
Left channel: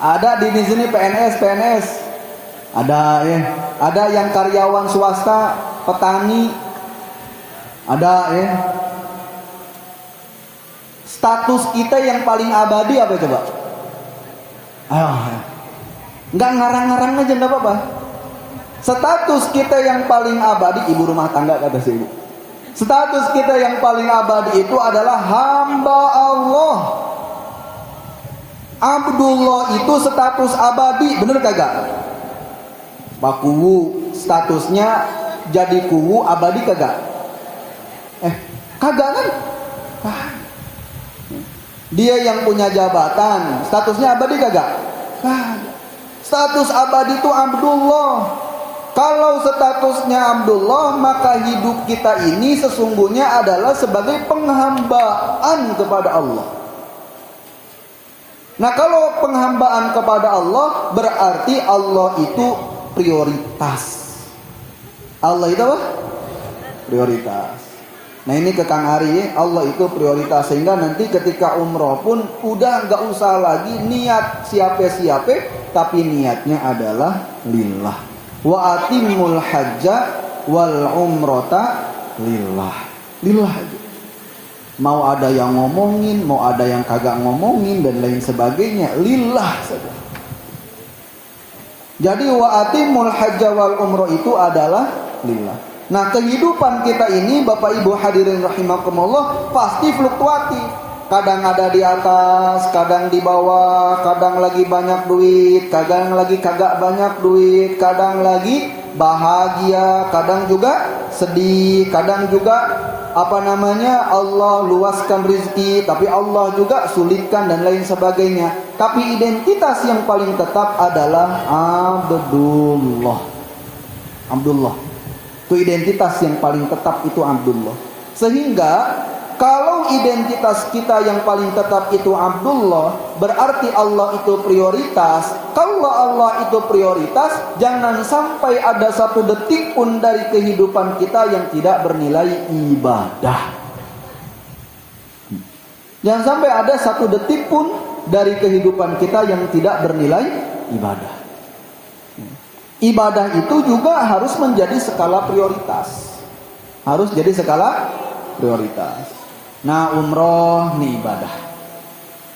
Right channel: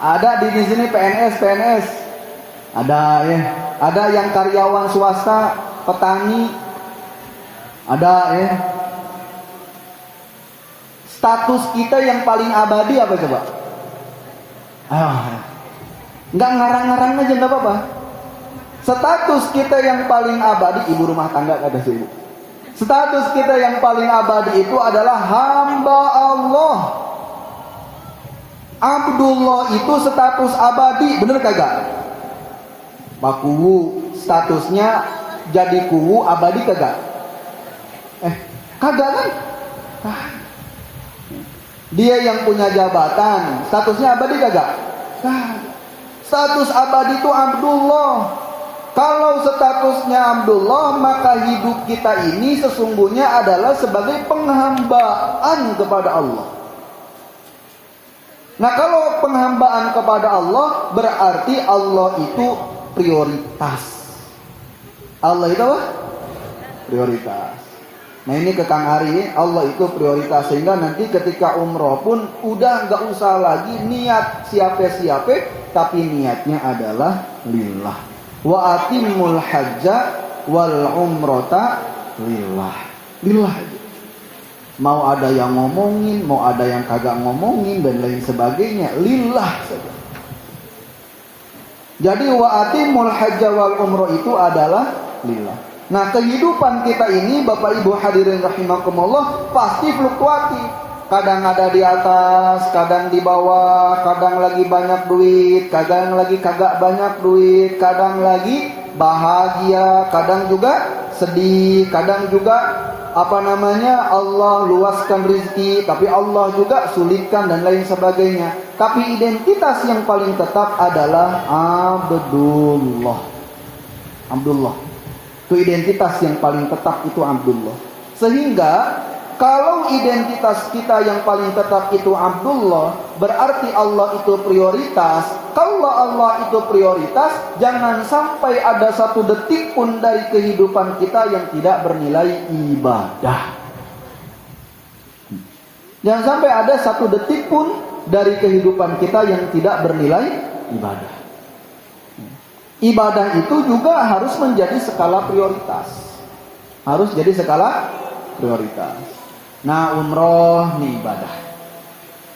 Ada di sini PNS, ada ya, ada yang karyawan swasta, petani, ada ya. Status kita yang paling abadi apa coba? Nggak ngarang-ngarang aja nggak apa-apa. Status kita yang paling abadi, ibu rumah tangga kata si ibu. Status kita yang paling abadi itu adalah hamba Allah. Abdullah itu status abadi, bener kagak? Pak Kuwu statusnya jadi Kuwu abadi kagak? Kagak kan? Dia yang punya jabatan, statusnya abadi kagak? Status abadi itu Abdullah. Kalau statusnya Abdullah, maka hidup kita ini sesungguhnya adalah sebagai penghambaan kepada Allah. Nah kalau penghambaan kepada Allah, berarti Allah itu prioritas. Allah itu apa? Prioritas. Nah ini ke Kang Ari ya, Allah itu prioritas. Sehingga nanti ketika umroh pun udah gak usah lagi niat siapa-siapa, tapi niatnya adalah lillah. Wa atimul hajja wal umrota lillah. Lillah aja. Mau ada yang ngomongin, mau ada yang kagak ngomongin dan lain sebagainya, lillah saja. Jadi wa atimul hajja wal umroh itu adalah lillah. Nah kehidupan kita ini Bapak Ibu hadirin rahimakumullah pasti fluktuatif. Kadang ada di atas, kadang di bawah, kadang lagi banyak duit, kadang lagi kagak banyak duit, kadang lagi bahagia, kadang juga sedih, kadang juga Allah luaskan rezeki, tapi Allah juga sulitkan dan lain sebagainya. Tapi identitas yang paling tetap adalah Abdullah. Itu identitas yang paling tetap itu Abdullah. Sehingga kalau identitas kita yang paling tetap itu Abdullah, berarti Allah itu prioritas. Kalau Allah itu prioritas, jangan sampai ada satu detik pun dari kehidupan kita yang tidak bernilai ibadah. Jangan sampai ada satu detik pun dari kehidupan kita yang tidak bernilai ibadah. Ibadah itu juga harus menjadi skala prioritas. Harus jadi skala prioritas. Nah umroh ini ibadah,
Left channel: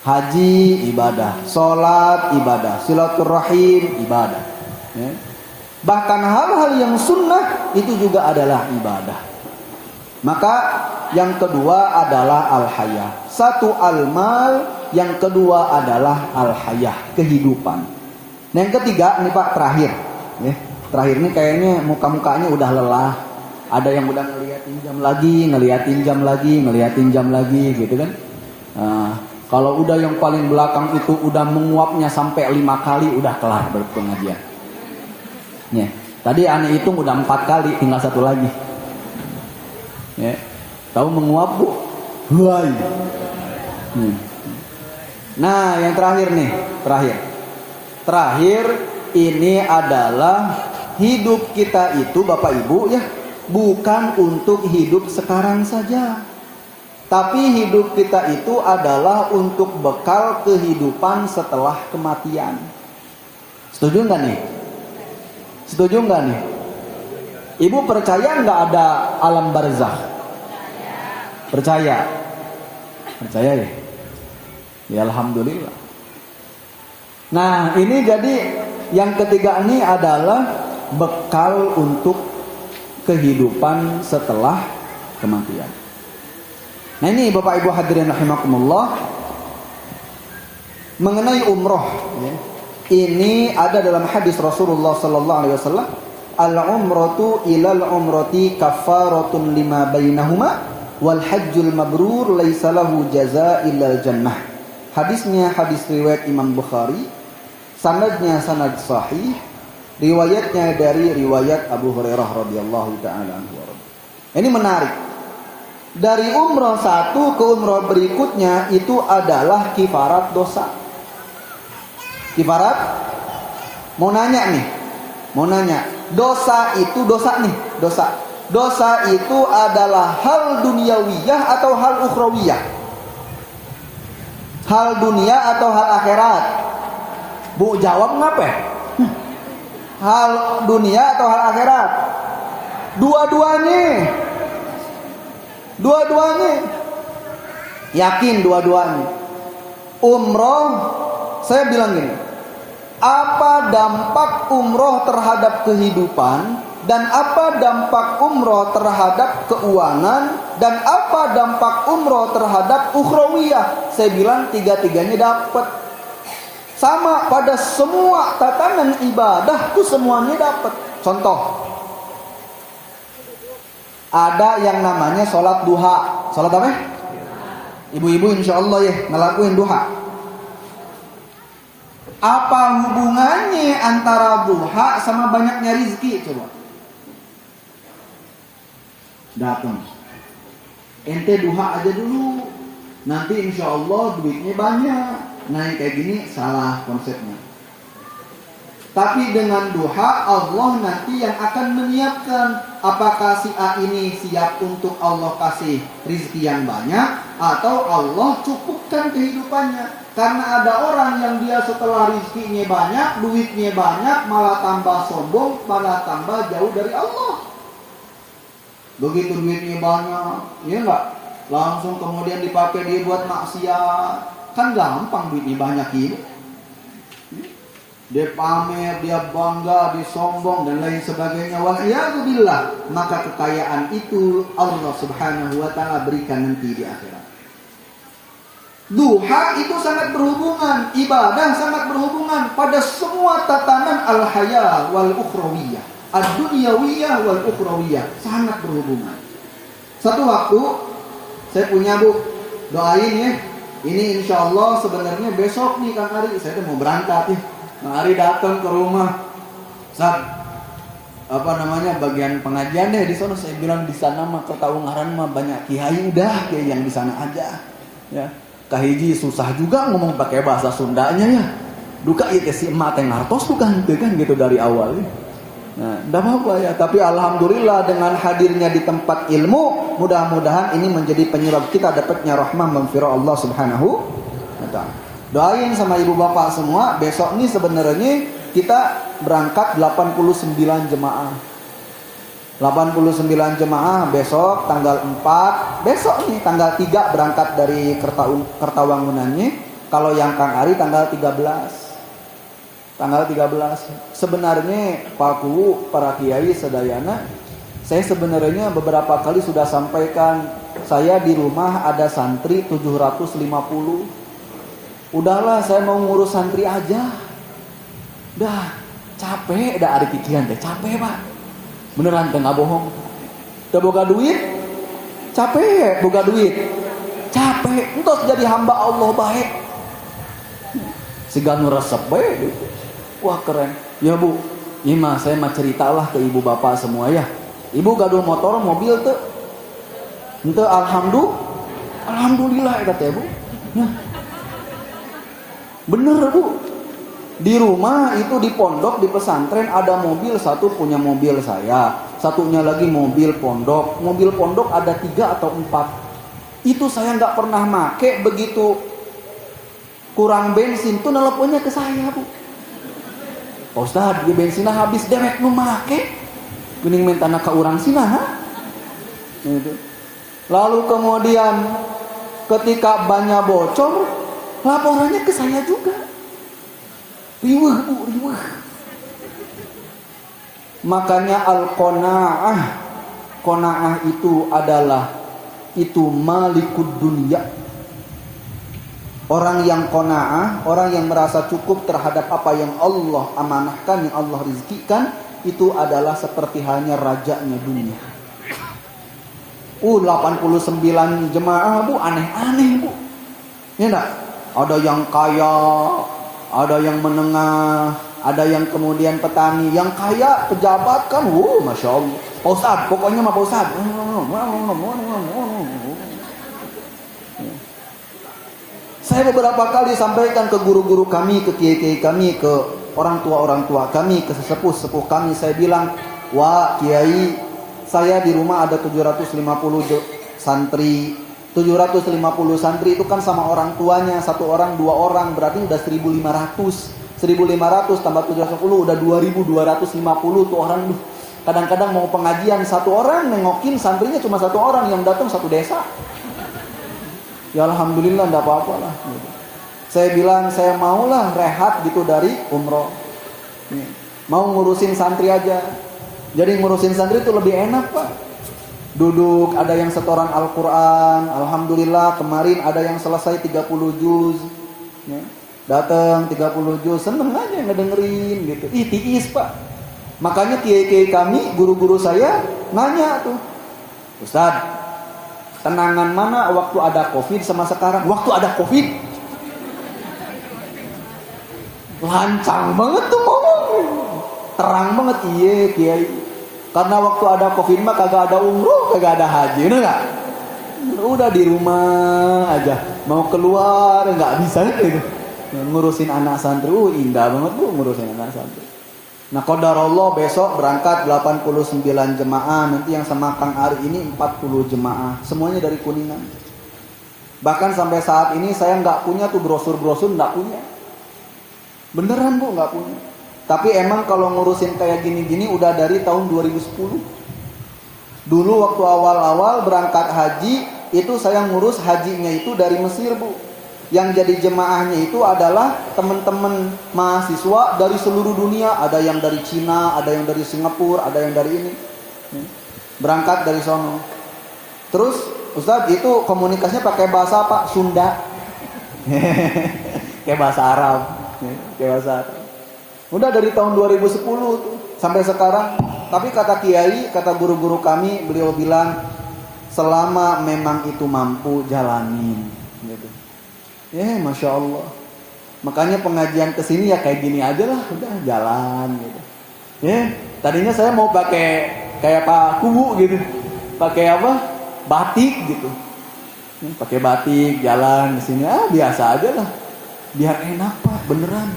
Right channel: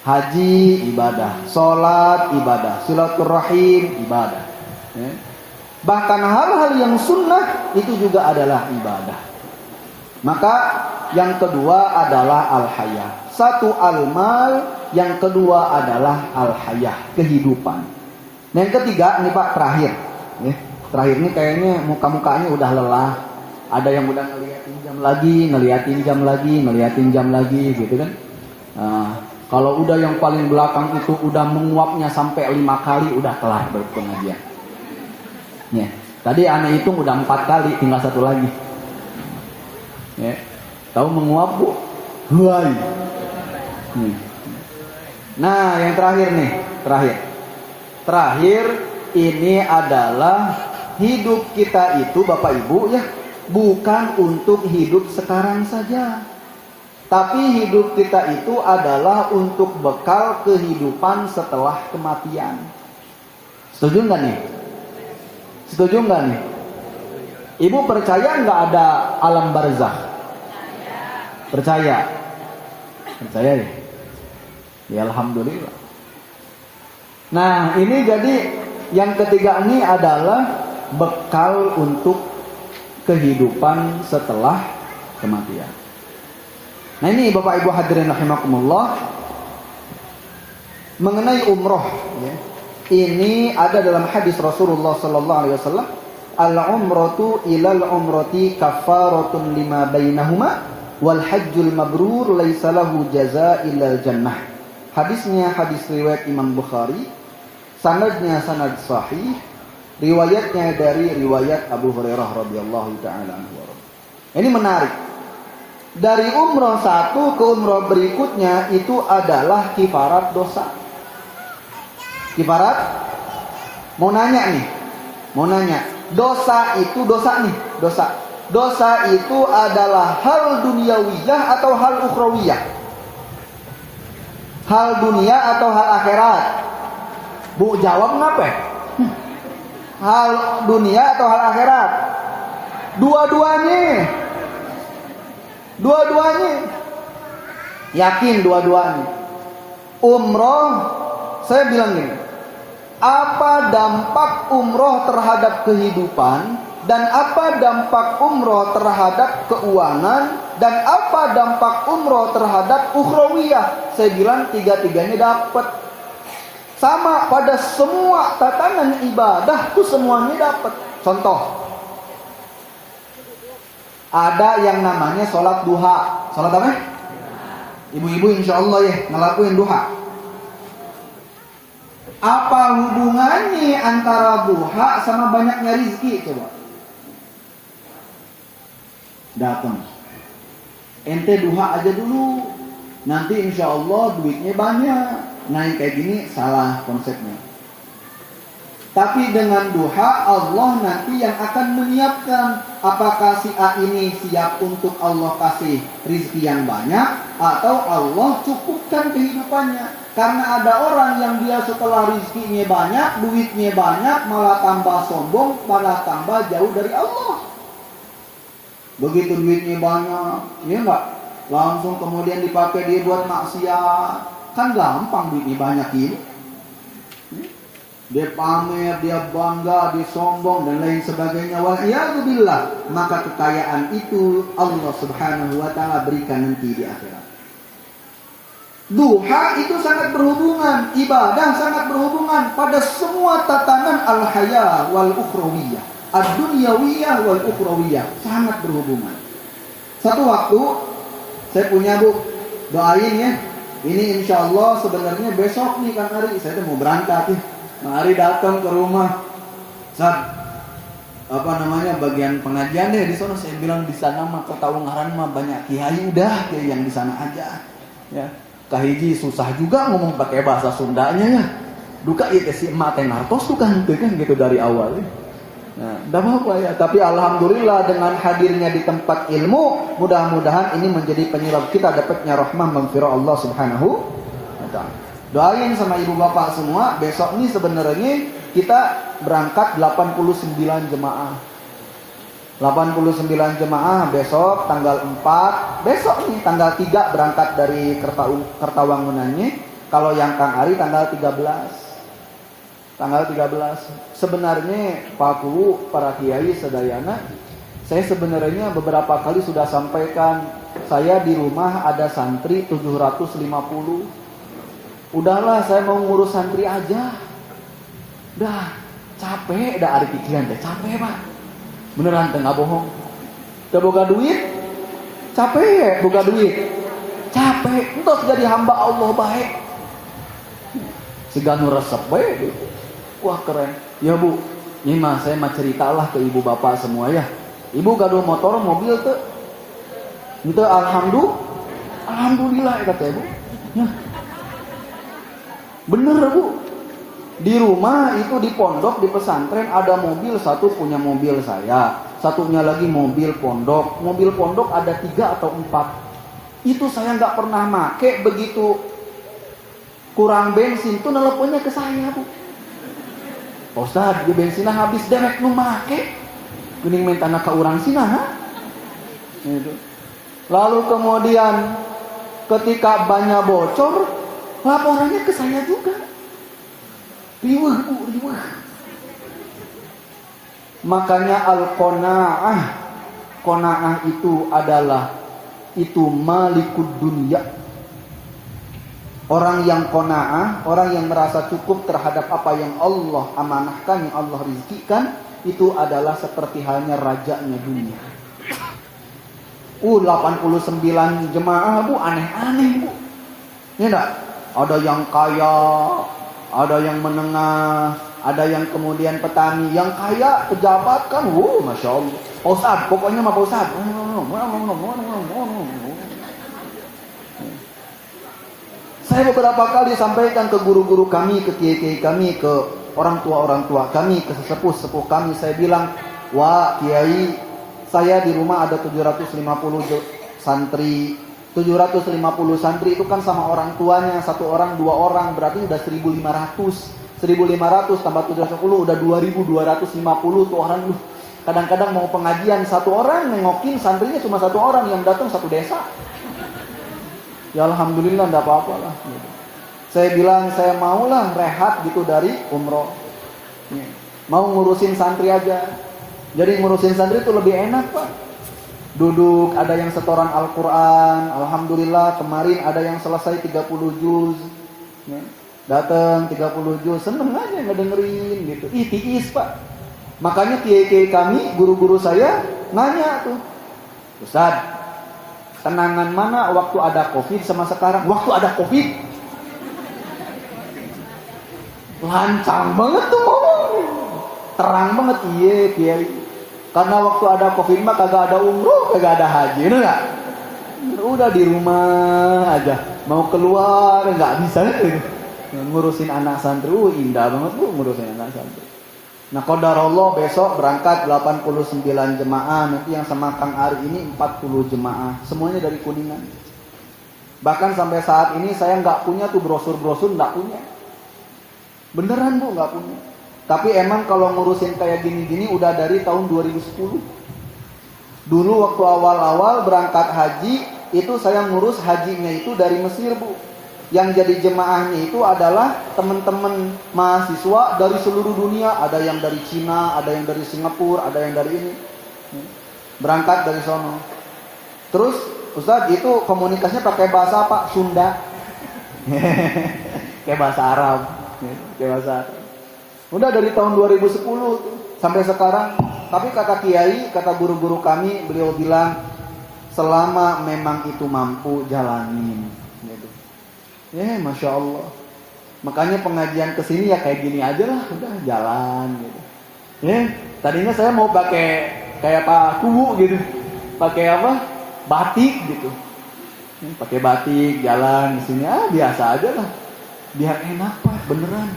haji ibadah, sholat ibadah, silaturahim ibadah. Bahkan hal-hal yang sunnah itu juga adalah ibadah. Maka yang kedua adalah al-hayah. 1 al-mal, yang kedua adalah al-hayah, kehidupan. Nah yang ketiga ini Pak terakhir. Terakhir ini kayaknya muka-mukanya udah lelah. Ada yang udah ngeliatin jam lagi gitu kan. Nah, kalau udah yang paling belakang itu udah menguapnya sampai 5 kali udah kelar berpengajian. Ya, tadi aneh itu udah 4 kali, tinggal 1 lagi. Ya, tahu menguap Bu? Mulai. Nah, yang terakhir nih, terakhir ini adalah hidup kita itu Bapak Ibu ya. Bukan untuk hidup sekarang saja, tapi hidup kita itu adalah untuk bekal kehidupan setelah kematian. Setuju nggak nih? Ibu percaya nggak ada alam barzakh? Percaya ya? Ya alhamdulillah. Nah, ini jadi yang ketiga ini adalah bekal untuk kehidupan setelah kematian. Nah, ini Bapak Ibu hadirin rahimakumullah, mengenai umroh ya. Ini ada dalam hadis Rasulullah sallallahu alaihi wasallam, al-umratu ilal umrati kafaratun lima bainahuma wal hajjul mabrur laisa lahu jazaa illal jannah. Hadisnya hadis riwayat Imam Bukhari, sanadnya sanad sahih, riwayatnya dari riwayat Abu Hurairah radhiyallahu taala anhu. Ini menarik. Dari umrah satu ke umrah berikutnya itu adalah kifarat dosa. Kifarat, mau nanya. Dosa itu dosa nih, dosa. Dosa itu adalah hal duniawiyah atau hal ukhrawiyah? Hal dunia atau hal akhirat? Bu jawab ngapa? Hal dunia atau hal akhirat? Dua-duanya. Yakin dua-duanya. Umroh, saya bilang gini, apa dampak umroh terhadap kehidupan, dan apa dampak umroh terhadap keuangan, dan apa dampak umroh terhadap ukhrawiyah? Saya bilang tiga-tiganya dapat. Sama pada semua tatanan ibadah itu semuanya dapat. Contoh, ada yang namanya sholat duha. Sholat apa? Ibu-ibu insya Allah ya ngelakuin duha. Apa hubungannya antara duha sama banyaknya rizki? Coba datang, ente duha aja dulu, nanti insya Allah duitnya banyak. Nah yang kayak gini salah konsepnya. Tapi dengan duha Allah nanti yang akan menyiapkan, apakah si A ini siap untuk Allah kasih rizki yang banyak, atau Allah cukupkan kehidupannya. Karena ada orang yang dia setelah rizkinya banyak, duitnya banyak, malah tambah sombong, malah tambah jauh dari Allah. Begitu duitnya banyak, ya enggak? Langsung kemudian dipakai dia buat maksiat. Kan gampang duitnya banyak ini. Dia pamer, dia bangga, dia sombong dan lain sebagainya. Wal'iyadzubillah. Maka kekayaan itu Allah subhanahu wa ta'ala berikan nanti di akhirat. Duha itu sangat berhubungan, ibadah sangat berhubungan pada semua tatanan al-haya wal ukhrawiyah, ad-dunyawiyah wal ukhrawiyah, sangat berhubungan. Satu waktu saya punya Bu, doain ya. Ini insya Allah sebenarnya besok nih Kang Ari, saya tuh mau berangkat ya. Kang Ari datang ke rumah, bagian pengajian deh di sana. Saya bilang di sana mah Kota Ungaran mah banyak kiai, udah ya yang di sana aja. Ya. Tahiji susah juga ngomong pakai bahasa Sundanya ya. Duka itu si emak teh ngartos kita hentikan gitu dari awal. Nah, dah ya. Tapi alhamdulillah dengan hadirnya di tempat ilmu, mudah-mudahan ini menjadi penyebab kita dapatnya rahmah maghfirah Allah Subhanahu wa taala. Doain sama ibu bapak semua, besok ini sebenarnya kita berangkat 89 jemaah. 89 jemaah besok tanggal 4, besok nih tanggal 3 berangkat dari Kertawangunannya. Kalau yang Kang Ari tanggal 13. Tanggal 13. Sebenarnya Pak Ku, para kiai sedayana, saya sebenarnya beberapa kali sudah sampaikan, saya di rumah ada santri 750. Udahlah saya mau ngurus santri aja. Dah capek, dah ada pikiran deh capek Pak. Beneran tengah bohong. Boga duit, capek ya boga duit. Capek, untuk jadi hamba Allah baik. Siga ngeresep baik. Wah keren. Ya Bu, ini mah saya mah ceritalah ke ibu bapak semua ya. Ibu gaduh motor, mobil tuh. Itu alhamdulillah kata Bu. Nah, bener Bu. Di rumah itu di pondok, di pesantren ada mobil, satu punya mobil saya, satunya lagi mobil pondok. Mobil pondok ada 3 atau 4. Itu saya nggak pernah make, begitu kurang bensin tuh nelponnya ke saya Bu. Ustaz, di bensinnya habis derek mau make. Gening minta ke urang sina. Gitu. Lalu kemudian ketika bannya bocor, laporannya ke saya juga. Riweuh, Bu, riweuh. Makanya al-qanaah, qanaah itu adalah malikud dunia. Orang yang qanaah, orang yang merasa cukup terhadap apa yang Allah amanahkan, yang Allah rizkikan, itu adalah seperti halnya rajanya dunia. 89 jemaah itu aneh-aneh, Bu. Ya enggak? Ada yang kaya, ada yang menengah, ada yang kemudian petani, yang kaya pejabat kan, masya Allah. Pak Ustadz, pokoknya mah Pak Ustadz. Saya beberapa kali sampaikan ke guru-guru kami, ke kiai-kiai kami, ke orang tua kami, ke sesepuh-sepuh kami. Saya bilang, wah kiai, saya di rumah ada 750 santri. 750 santri itu kan sama orang tuanya, satu orang, dua orang, berarti udah 1.500. 1.500 tambah 750 udah 2.250 tuh orang. Kadang-kadang mau pengajian satu orang nengokin santrinya cuma satu orang, yang datang satu desa. Ya alhamdulillah enggak apa-apa lah. Saya bilang saya maulah rehat gitu dari umroh. Mau ngurusin santri aja. Jadi ngurusin santri itu lebih enak, Pak. Duduk, ada yang setoran Al-Quran. Alhamdulillah kemarin ada yang selesai 30 juz. Datang 30 juz, seneng aja ngedengerin gitu. Tiis, Pak. Makanya kiai-kiai kami, guru-guru saya nanya tuh, Ustadz, tenangan mana waktu ada COVID sama sekarang? Waktu ada COVID lancang banget tuh, terang banget, iya kiai. Karena waktu ada COVID mah kagak ada umroh, kagak ada haji, enggak? Udah di rumah aja, mau keluar nggak bisa gitu. Ngurusin anak santri, indah banget tuh ngurusin anak santri. Nah, qadarullah besok berangkat 89 jemaah, nanti yang sama Kang Ari ini 40 jemaah, semuanya dari Kuningan. Bahkan sampai saat ini saya nggak punya tuh brosur-brosur, nggak punya. Beneran Bu, nggak punya. Tapi emang kalau ngurusin kayak gini-gini udah dari tahun 2010. Dulu waktu awal-awal berangkat haji, itu saya ngurus hajinya itu dari Mesir, Bu. Yang jadi jemaahnya itu adalah teman-teman mahasiswa dari seluruh dunia. Ada yang dari Cina, ada yang dari Singapura, ada yang dari ini. Berangkat dari sana. Terus Ustaz itu komunikasinya pakai bahasa apa? Sunda. Kayak bahasa Arab. Kayak bahasa Arab. Udah dari tahun 2010 sampai sekarang. Tapi kata kiai, kata guru-guru kami, beliau bilang selama memang itu mampu jalanin. Gitu. Ya, masya Allah. Makanya pengajian kesini ya kayak gini aja lah, udah jalan gitu. Ya, tadinya saya mau pakai kayak Pak Kubu gitu, pakai apa? Batik gitu. Ya, pakai batik jalan kesini, biasa aja lah. Biar enak Pak, beneran.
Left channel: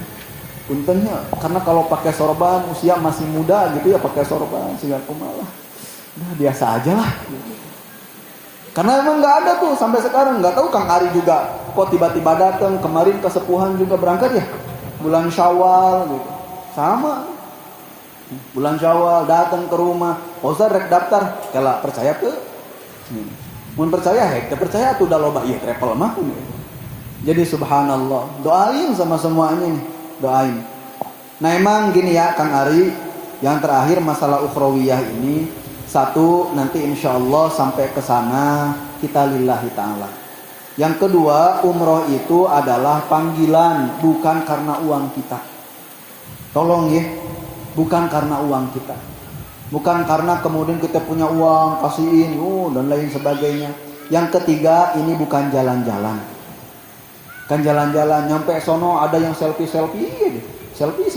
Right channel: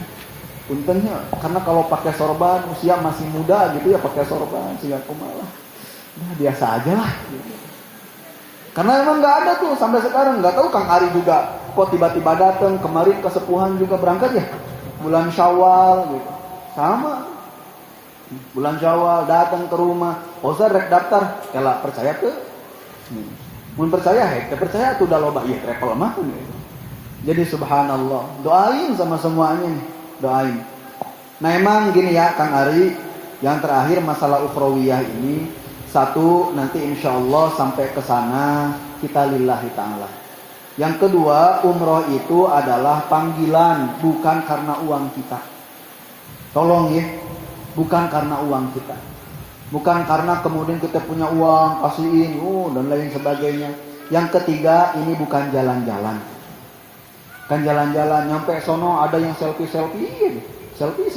Intinya karena kalau pakai sorban usia masih muda gitu ya pakai sorban sehingga lah. Udah biasa aja lah. Gitu. Karena emang nggak ada tuh sampai sekarang, nggak tahu Kang Ari juga kok tiba-tiba datang. Kemarin kesepuhan juga berangkat ya bulan Syawal gitu, sama bulan Syawal datang ke rumah, Ustaz rek daftar, kalau percaya tuh, mun percaya kita percaya tuh udah loba iya travel mah gitu. Jadi subhanallah, doain sama semuanya nih, doain. Nah emang gini ya Kang Ari, yang terakhir masalah ukhrawiyah ini. Satu, nanti insya Allah sampai ke sana kita lillahi ta'ala. Yang kedua, umroh itu adalah panggilan, bukan karena uang kita. Tolong ya, bukan karena uang kita. Bukan karena kemudian kita punya uang, kasihin, dan lain sebagainya. Yang ketiga, ini bukan jalan-jalan. Kan jalan-jalan, nyampe sono ada yang selfie-selfie. Selfie.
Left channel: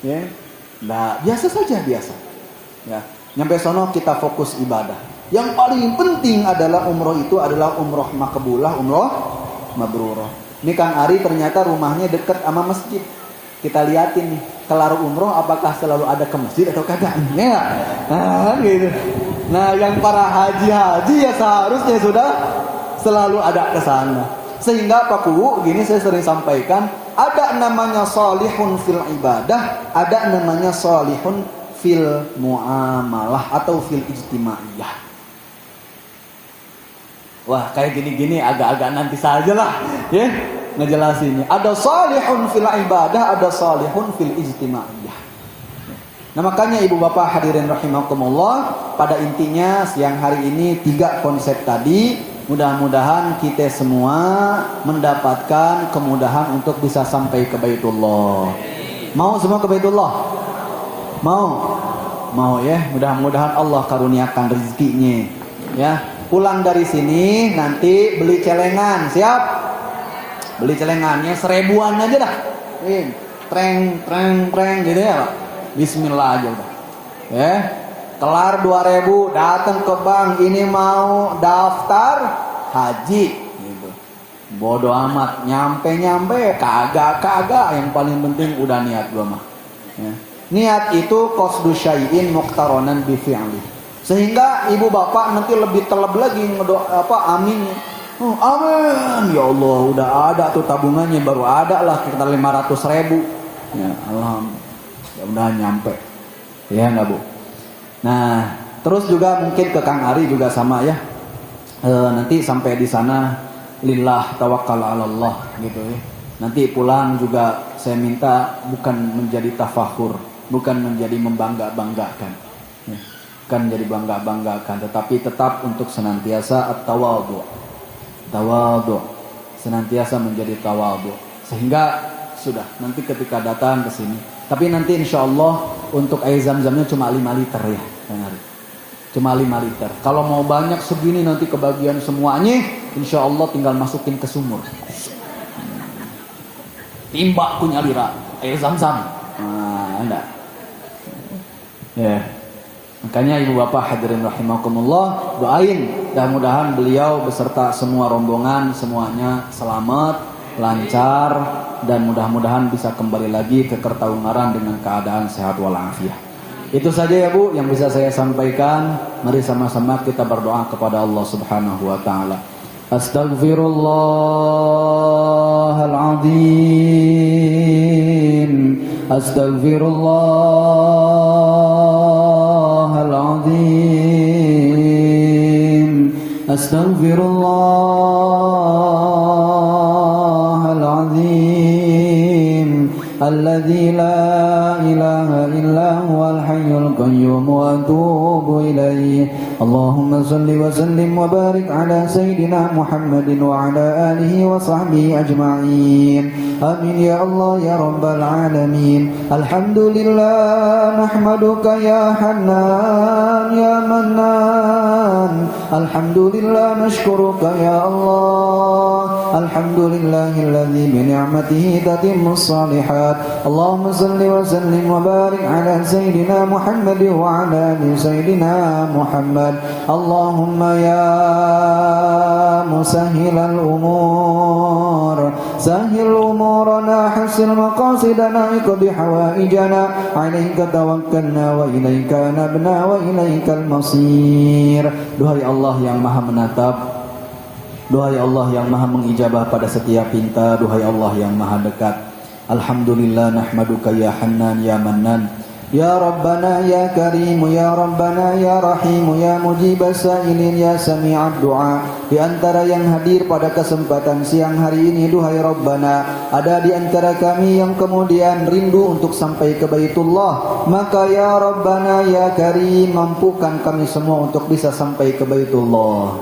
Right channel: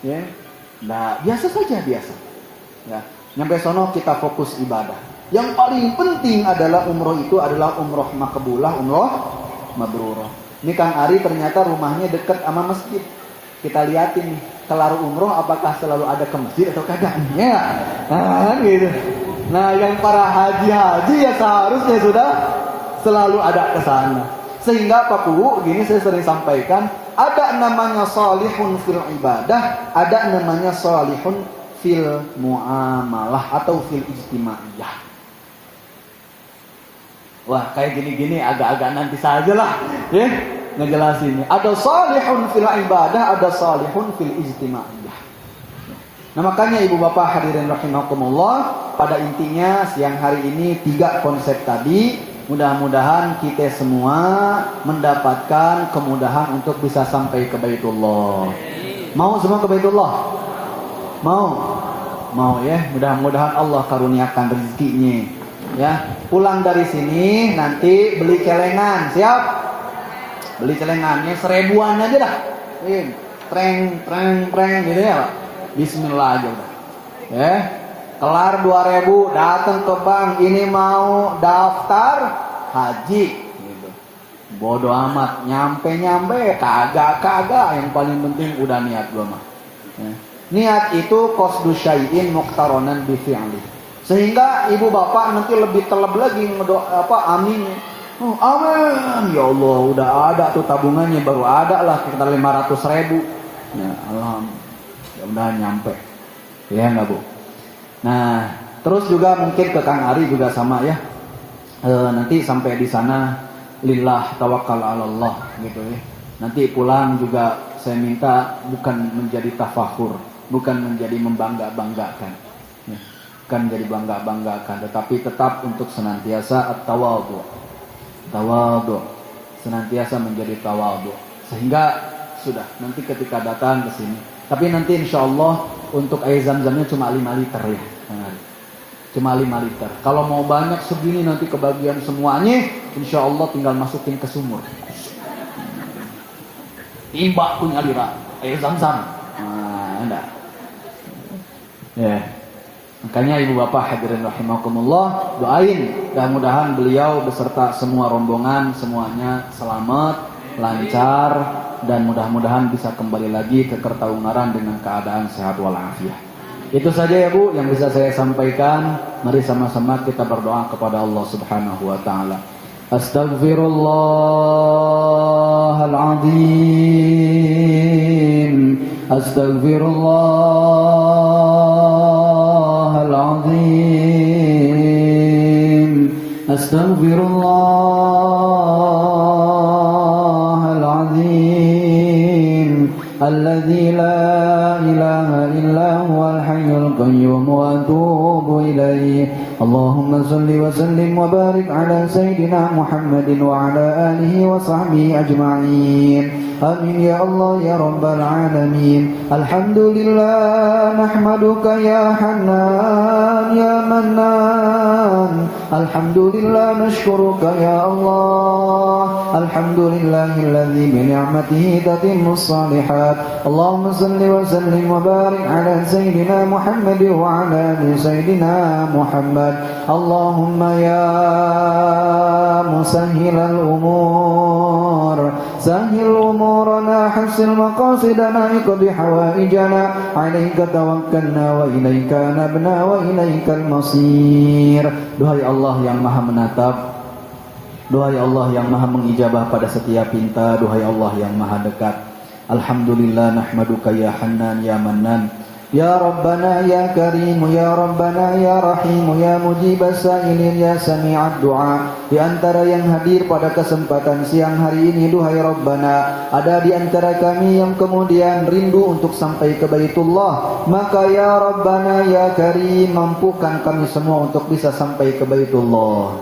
Ya. Nah, biasa saja biasa. Ya, nyampe sono kita fokus ibadah. Yang paling penting adalah umroh itu adalah umroh makbulah, umroh mabrurah. Ini Kang Ari ternyata rumahnya dekat sama masjid. Kita liatin nih, kelar umroh apakah selalu ada ke masjid atau kagak? Ya, nah, gitu. Nah, yang para haji ya seharusnya sudah selalu ada ke sana. Sehingga Pak Kuwu, gini saya sering sampaikan, ada namanya salihun fil ibadah, ada namanya salihun fil muamalah atau fil ijtimaiyah. Wah, kayak gini-gini agak-agak nanti saja lah, ya, ngejelasinnya. Ada salihun fil ibadah, ada salihun fil ijtimaiyah. Nah, makanya ibu bapak hadirin rahimakumullah, pada intinya siang hari ini 3 konsep tadi, mudah-mudahan kita semua mendapatkan kemudahan untuk bisa sampai ke Baitullah. Mau semua ke Baitullah? Mau ya, mudah-mudahan Allah karuniakan rezekinya. Ya, pulang dari sini nanti beli celengan, siap? Beli celengannya 1000-an aja dah. Treng gitu ya. Bismillah aja udah. Ya. Kelar 2000 datang ke bank, ini mau daftar haji gitu. Bodoh amat, nyampe kagak, yang paling penting udah niat gua mah. Ya. Niat itu qasdu syai'in muqtaronan bi fi'li. Sehingga ibu bapak nanti lebih terlebih lagi amin. Oh, amin. Ya Allah, udah ada tuh tabungannya, baru ada lah sekitar 500.000. Ya, alhamdulillah. Udah nyampe. Ya enggak, Bu? Nah, terus juga mungkin ke Kang Ari juga sama ya. Nanti sampai di sana lillah tawakkal 'ala Allah gitu ya. Nanti pulang juga saya minta bukan menjadi tafakhur, bukan menjadi membangga-banggakan. Ya. Bukan menjadi bangga-banggakan, tetapi tetap untuk senantiasa at-tawadhu. Tawadhu. Senantiasa menjadi tawadhu. Sehingga sudah nanti ketika datang ke sini. Tapi nanti insya Allah untuk air zam-zamnya cuma 5 liter ya. Cuma 5 liter. Kalau mau banyak segini nanti kebagian semuanya, insya Allah tinggal masukin ke sumur. Timbak punya lira, air zam-zam. Nah, enggak. Ya. Makanya ibu bapak hadirin rahimakumullah, doain mudah-mudahan beliau beserta semua rombongan semuanya selamat, lancar, dan mudah-mudahan bisa kembali lagi ke Kertaungaran dengan keadaan sehat walafiat. Itu saja ya Bu yang bisa saya sampaikan. Mari sama-sama kita berdoa kepada Allah Subhanahu wa taala. Astaghfirullahaladzim. Astaghfirullahaladzim. Astaghfirullahaladzim. Alladzi la ilaha illa huwal hayyul qayyum wa atubu ilaih. Allahumma salli wa sallim wa barik ala sayyidina Muhammadin wa ala alihi wa sahbihi ajma'in. Amin ya Allah ya rabbal alamin. Alhamdulillah nahmaduka ya Hannan ya Mannan. Alhamdulillah nashkuruka ya Allah. Alhamdulillahilladzi bi ni'matihi tatimmus shalihat. Allahumma salli wa sallim wa barik ala sayyidina Muhammad wa ala ali sayyidina Muhammad. Allahumma ya musahhilal umur sahhil umurana hasil maqasidana iqdi hawaijana alaika tawakkalna wa ilaika anabna wa ilaikal masir. Duhai Allah yang maha menatap, duhai Allah yang maha mengijabah pada setiap pinta, duhai Allah yang maha dekat. Alhamdulillah nahmaduka ya Hannan ya Mannan. Ya Rabbana ya Karim ya Rabbana ya Rahim ya Mujibas Sa'ilin ya Sami'ad Du'a. Di antara yang hadir pada kesempatan siang hari ini, duhai Rabbana, ada di antara kami yang kemudian rindu untuk sampai ke Baitullah. Maka ya Rabbana ya Karim, mampukan kami semua untuk bisa sampai ke Baitullah.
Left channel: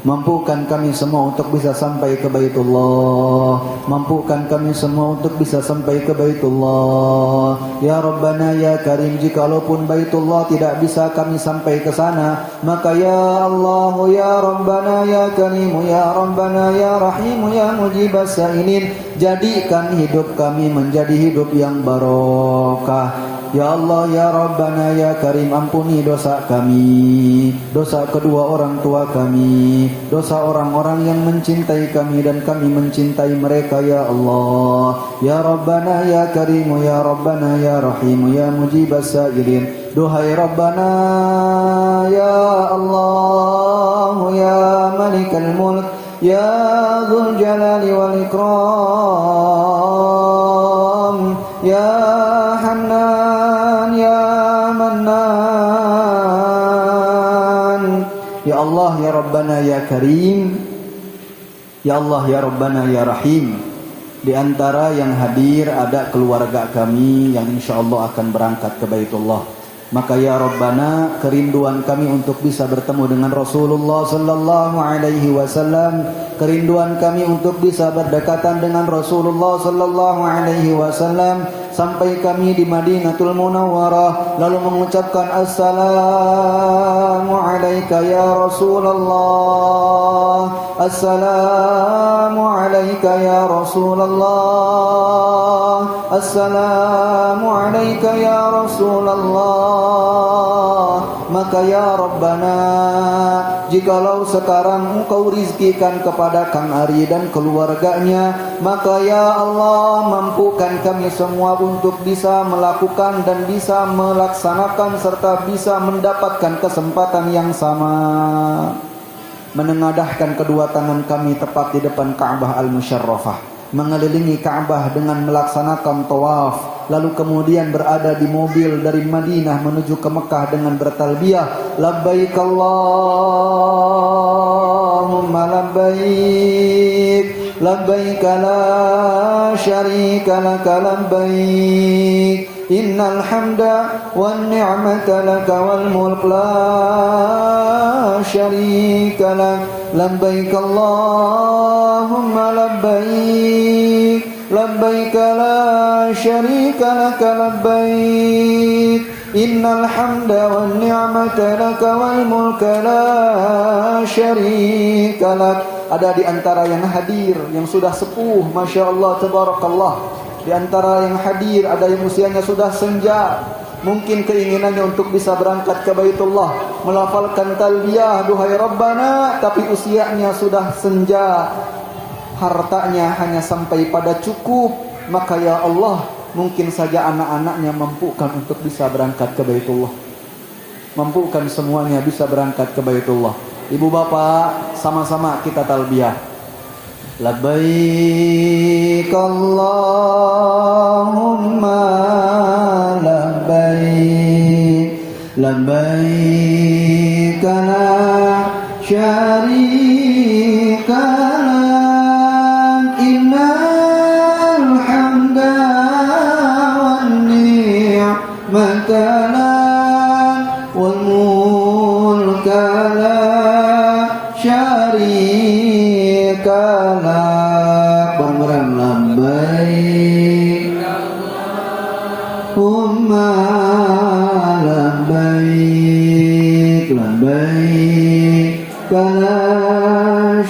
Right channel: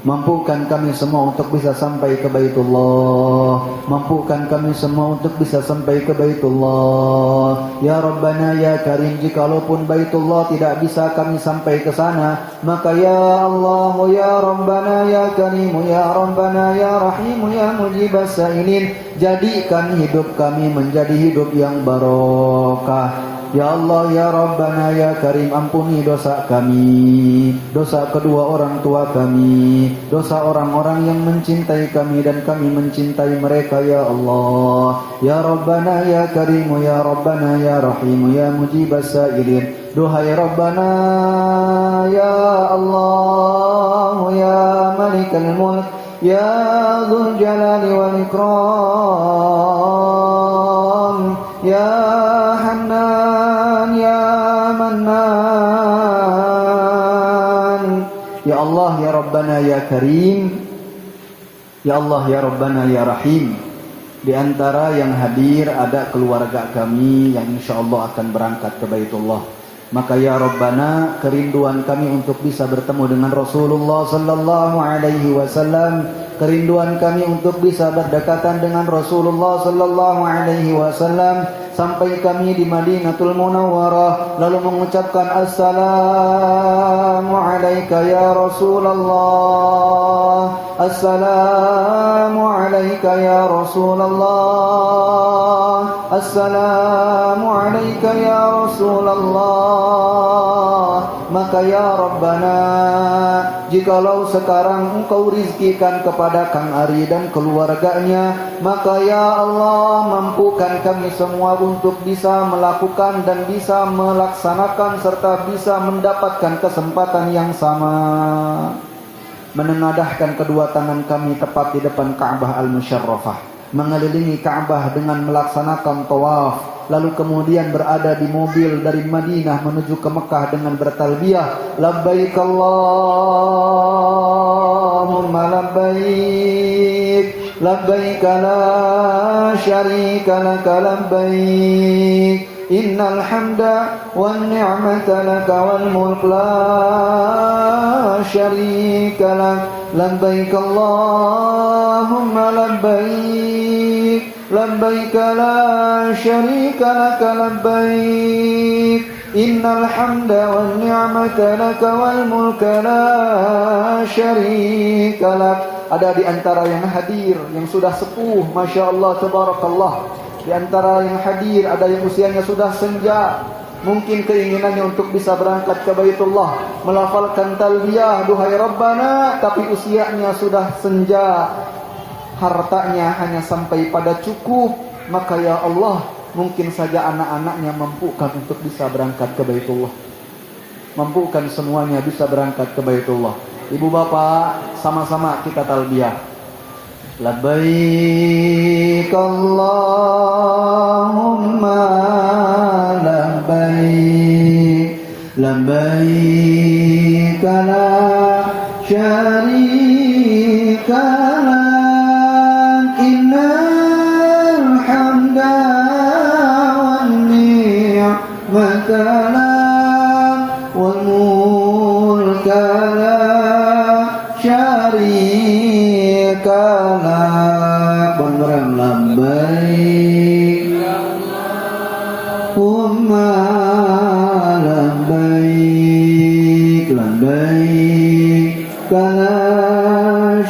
Mampukan kami semua untuk bisa sampai ke Baitullah. Mampukan kami semua untuk bisa sampai ke Baitullah. Ya Rabbana ya Karim, jikalaupun Baitullah tidak bisa kami sampai ke sana, maka ya Allah ya Rabbana ya Karim ya Rabbana ya Rahim ya Mujibas Sa'ilin, jadikan hidup kami menjadi hidup yang barokah. Ya Allah ya Rabbana ya Karim, ampuni dosa kami, dosa kedua orang tua kami, dosa orang-orang yang mencintai kami dan kami mencintai mereka ya Allah. Ya Rabbana ya Karim ya Rabbana ya Rahim ya Mujibas Sa'ilin. Duhai Rabbana ya Allah ya Malikal Mulk ya Dzul Jalali wal Ikram ya Hannan ya Mannan. Ya Allah ya Rabbana ya Karim, Ya Allah, ya Rabbana, ya Rahim. Di antara yang hadir ada keluarga kami yang insya Allah akan berangkat ke Baitullah. Maka ya Rabbana, kerinduan kami untuk bisa bertemu dengan Rasulullah sallallahu alaihi wasallam, kerinduan kami untuk bisa berdekatan dengan Rasulullah sallallahu alaihi wasallam sampai kami di Madinatul Munawwarah lalu mengucapkan assalamu alayka ya Rasulullah, assalamu alayka ya Rasulullah, assalamu alayka ya Rasulullah. Maka ya Rabbana, jikalau sekarang Engkau rizkikan kepada Kang Ari dan keluarganya, maka ya Allah, mampukan kami semua untuk bisa melakukan dan bisa melaksanakan serta bisa mendapatkan kesempatan yang sama, menengadahkan kedua tangan kami tepat di depan Ka'bah Al-Musyarrafah, mengelilingi Ka'bah dengan melaksanakan tawaf, lalu kemudian berada di mobil dari Madinah menuju ke Mekah dengan bertalbiyah labbaik Allahumma labbaik, labbaik la syarika laka labbaik, innal hamda wan ni'mata laka wal mulk la syarika lak, labbaik Allahumma labbaik, labbaik la syarika laka labbaik, innal hamda wan ni'mata laka wal mulka la syarika lak. Ada di antara yang hadir yang sudah sepuh, Masya Allah, Tabarakallah. Di antara yang hadir ada yang usianya sudah senja, mungkin keinginannya untuk bisa berangkat ke Baitullah, melafalkan talbiyah duhai Rabbana, tapi usianya sudah senja, hartanya hanya sampai pada cukup. Maka ya Allah, mungkin saja anak-anaknya mampukan untuk bisa berangkat ke Baitullah, mampukan semuanya bisa berangkat ke Baitullah. Ibu bapak, sama-sama kita talbiyah. Labbaik Allahumma labbaik, labbaik la syarika lak, innal hamda wan ni'mata lak wal mulka la syarika lak. Bareng-bareng labbaik Allahumma labbaik, labbaik la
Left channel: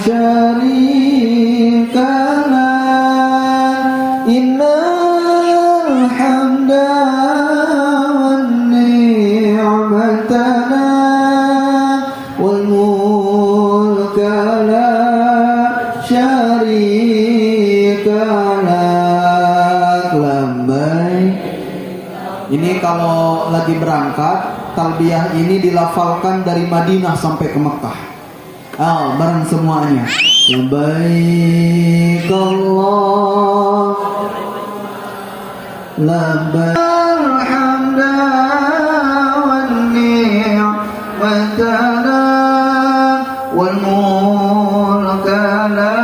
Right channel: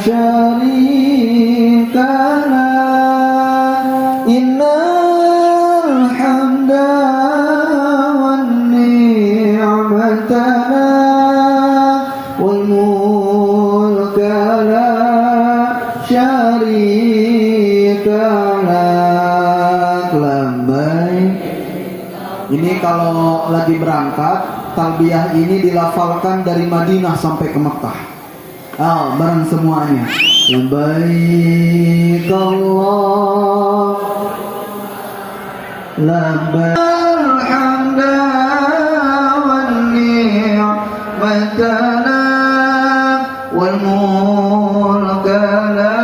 syarika lak, innal hamda wan ni'mata lak wal mulka la syarika lak, labbaik. Ini kalau lagi berangkat, talbiyah ini dilafalkan dari Madinah sampai ke Mekah. Bareng semuanya. Labbaik Allah, labbaik alhamda wan ni'mata lak wal mulka la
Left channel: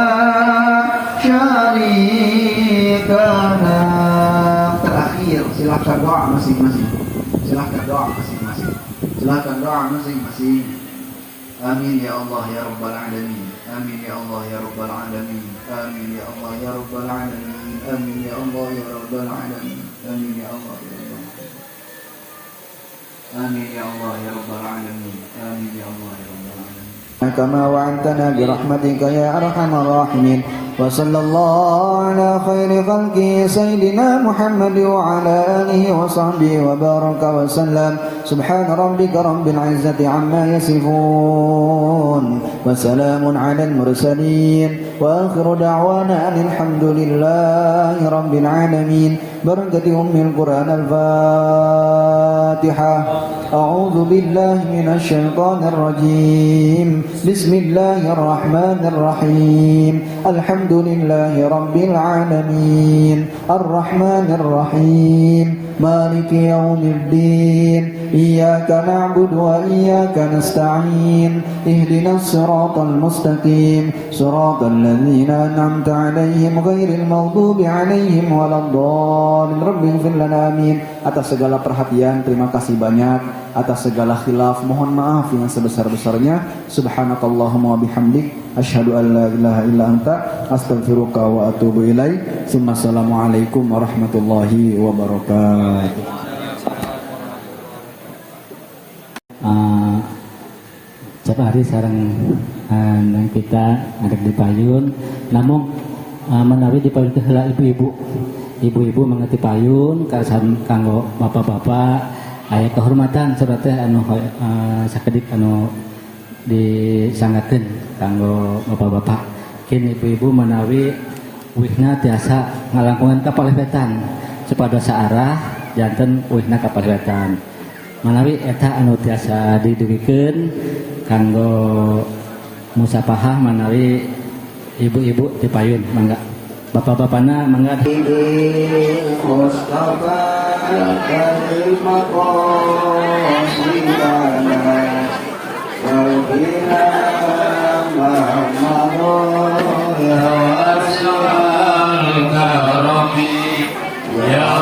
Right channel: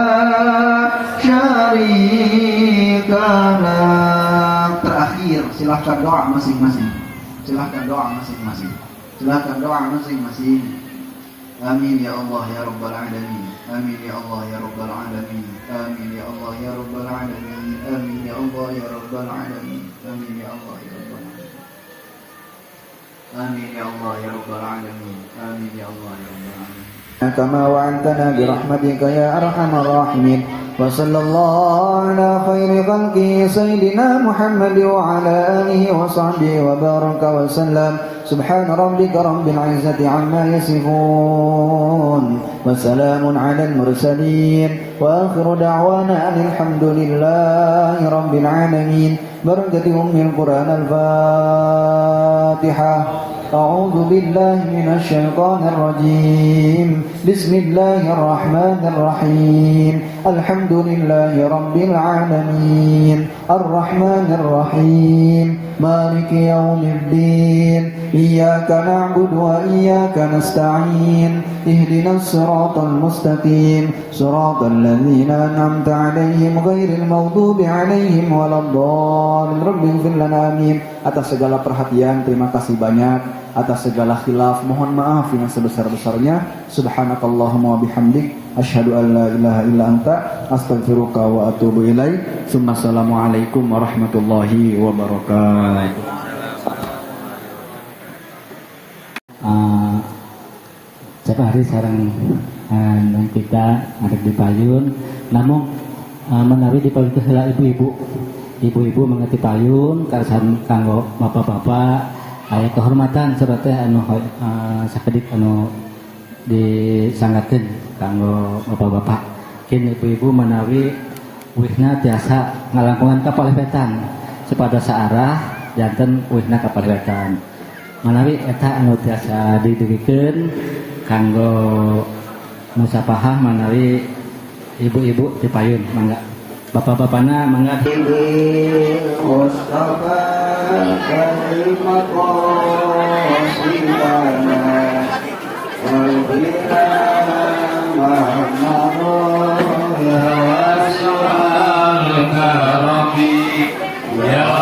syarika lak. Terakhir, silahkan doa masing-masing. Silahkan doa masing-masing. Silahkan doa masing-masing. Amin ya Allah ya Rabbal Alamin. Amin ya Allah ya Rabbal Alamin. Amin ya Allah ya Rabbal Alamin. Amin ya Allah ya Rabbal Alamin. Amin ya Allah ya Rabbal Alamin. Amin ya Allah ya Rabbal Alamin. Amin ya Allah ya Rabbal Alamin. كما وعدتنا برحمتك يا أرحم الراحمين. وصلى الله على خير خلقه سيدنا محمد وعلى آله وصحبه وبارك وسلم. سبحان ربك رب العزة عما يصفون وسلام على المرسلين وآخر دعوانا أن الحمد لله رب العالمين. بركة أم القرآن الفاتحة. أعوذ بالله من الشيطان الرجيم. بسم الله الرحمن الرحيم. الحمد لله رب العالمين الرحمن الرحيم مالك يوم الدين إياك نعبد وإياك نستعين اهدنا الصراط المستقيم صراط الذين أنعمت عليهم غير المغضوب عليهم ولا الضالين. رب اغفر لنا آمين. Atas segala perhatian terima kasih banyak, atas segala khilaf mohon maaf yang sebesar-besarnya. Subhanakallahumma wa bihamdik asyhadu an la ilaha illa anta astaghfiruka wa atubu ilaik. Assalamualaikum warahmatullahi wabarakatuh. Setiap hari sarang kita ngadeg di payun, namun menawi di payun teh ibu-ibu mengerti payun kaisan kanggo bapak-bapak aya kehormatan serta anu sakedik anu disangakeun kanggo bapak-bapak. Kini ibu-ibu menawi uihna tiasa ngalangkungan ka palevetan sepada saarah janten uihna ka palevetan. Menawi eta anu tiasa didugikeun kanggo musapahah menawi ibu-ibu di payun mangga. Bapak-bapakna mangga. Mustafa Ya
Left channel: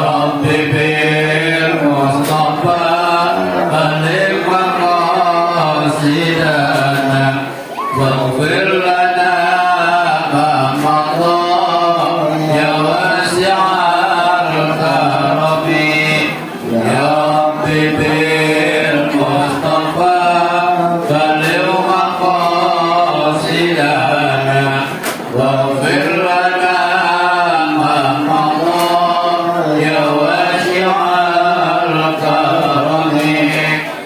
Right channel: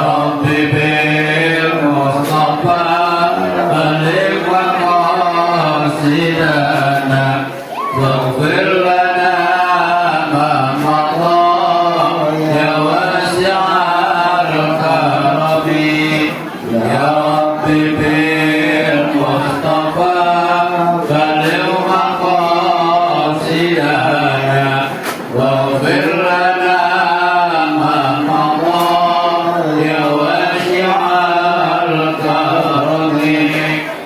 Rabbi bil Mustafa balik maqasidana waghfir lana ma maqam ya wasi'al karabi ya Rabbi bil Mustafa balik maqasidana waghfir lana ma maqam ya wasi'al karabi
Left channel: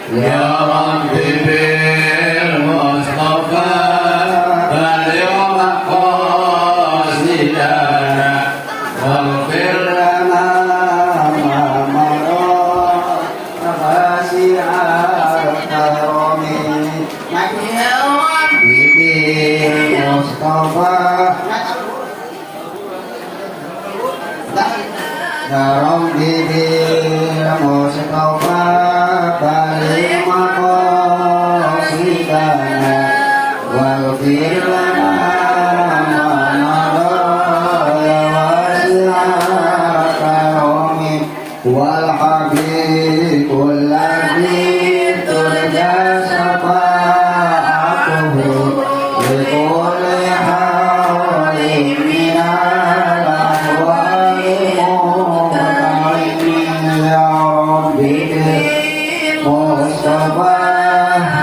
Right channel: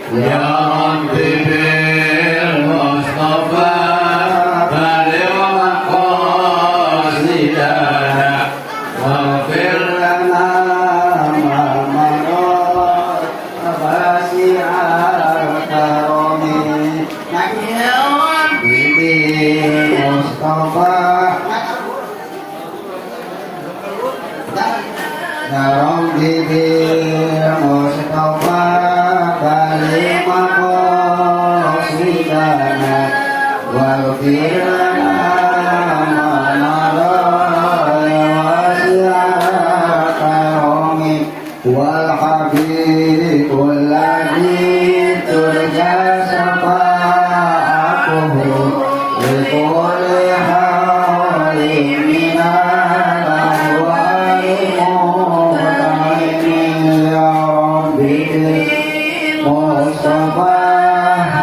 ya Rabbi bil Mustafa balik maqasidana waghfir lana ma maqam wasi'al karabi ya Rabbi bil Mustafa Ya Rabbi bil Mustafa balik maqasidana waghfir lana ma wasi'al karabi wal habibul ladzi turja syafa'atuhu li kulli hawlin minal Mustafa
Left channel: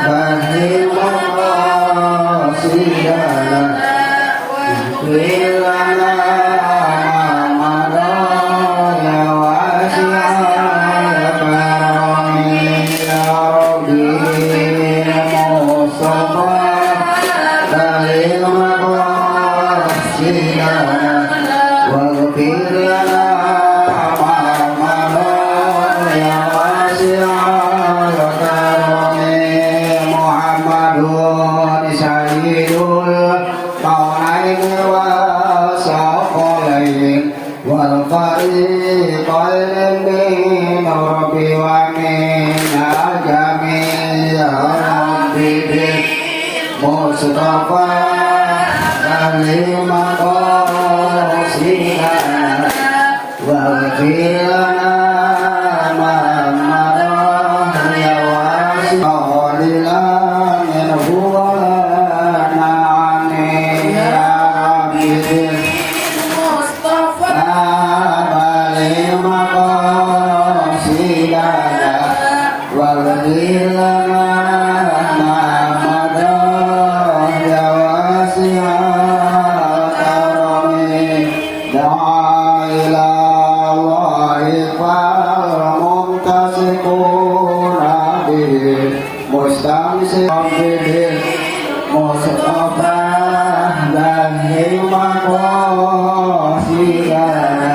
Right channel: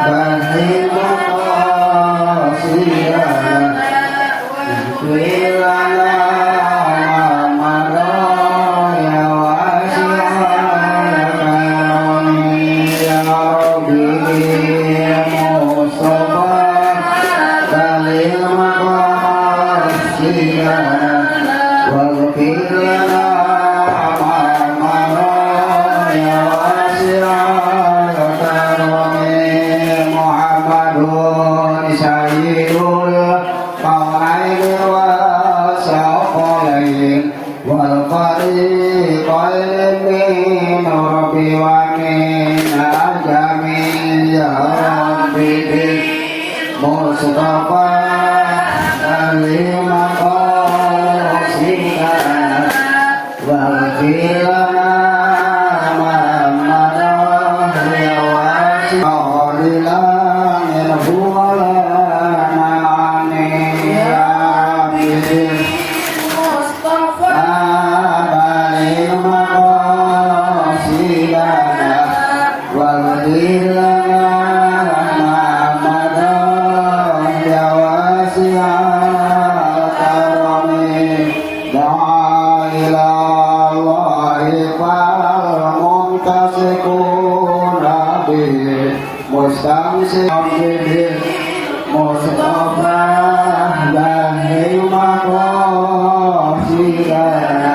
balik maqasidana waghfir lana ma ya wasi'al karabi ya Rabbi Mustafa balik maqasidana waghfir lana Sayyidul Qawnain wa Saqalain wal fariqain min Rabbi wa min ajami ya Rabbi bil Mustafa balik maqasidana waghfir lana ma ya wasi'al Mustafa dan maqasidana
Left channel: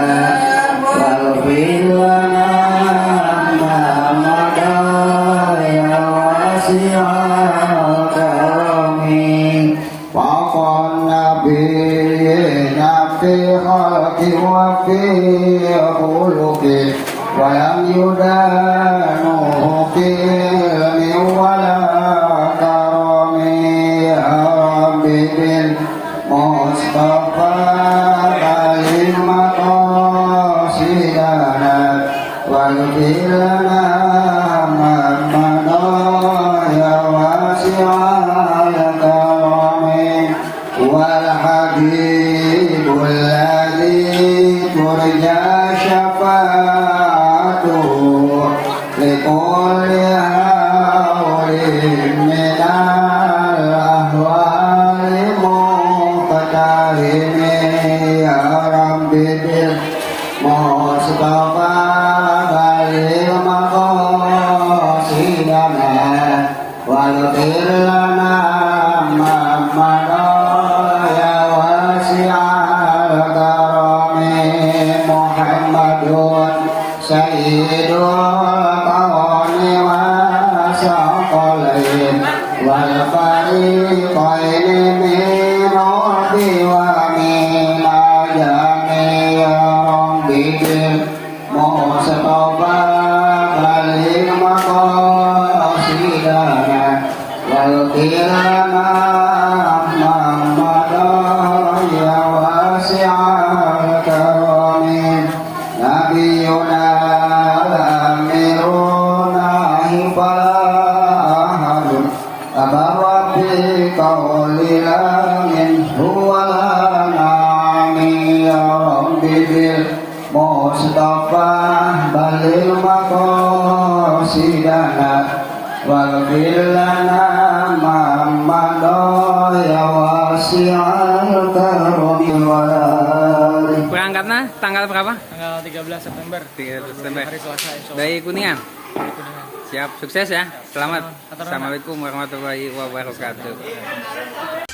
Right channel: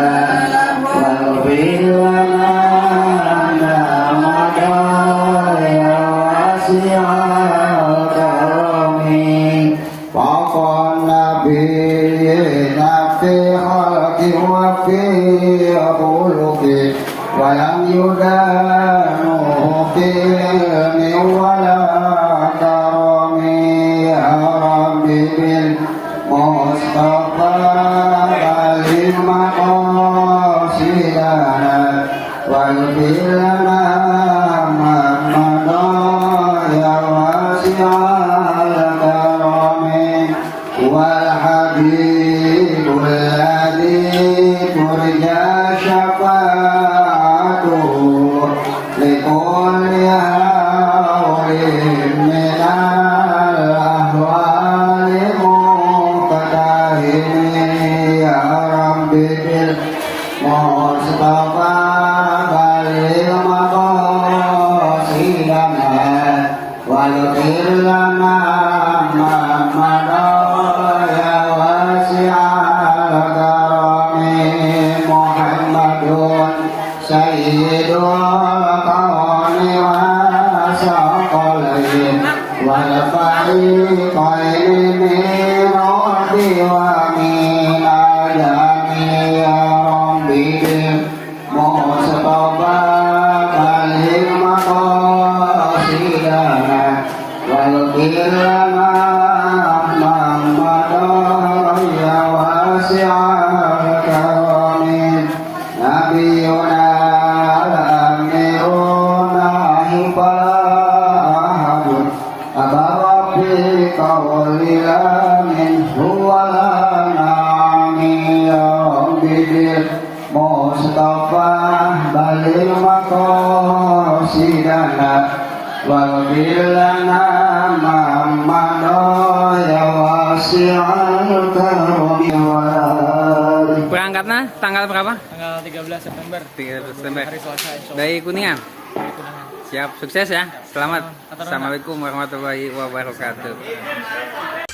نوقل ولا كرم يا رب بالمصطفى بلغ مقاصدنا واغفر لنا ما مضى يا واسع الكرم والحبيب الذي ترجى شفاعته لكل هول من الأهوال مقتحم يا رب بالمصطفى بلغ مقاصدنا واغفر لنا ما مضى يا واسع الكرم محمد سيد الكون والثقلين والفريقين من عود ومن عجم يا رب بالمصطفى بلغ مقاصدنا واغفر لنا ما مضى يا واسع الكرم نبينا أميرنا حفاظ أبواب قولنا من هو الأنعام يا رب بالمصطفى بلغ مقاصدنا واغفر لنا ما مضى يا واسع الكرم Berangkatnya tanggal berapa? Tanggal 13 September. 3 September. Hari Selasa insya Allah. Dari Kuningan. Dari Kuningan. Siap, sukses ya. Selamat. Atur nuhun. Assalamualaikum warahmatullahi wabarakatuh.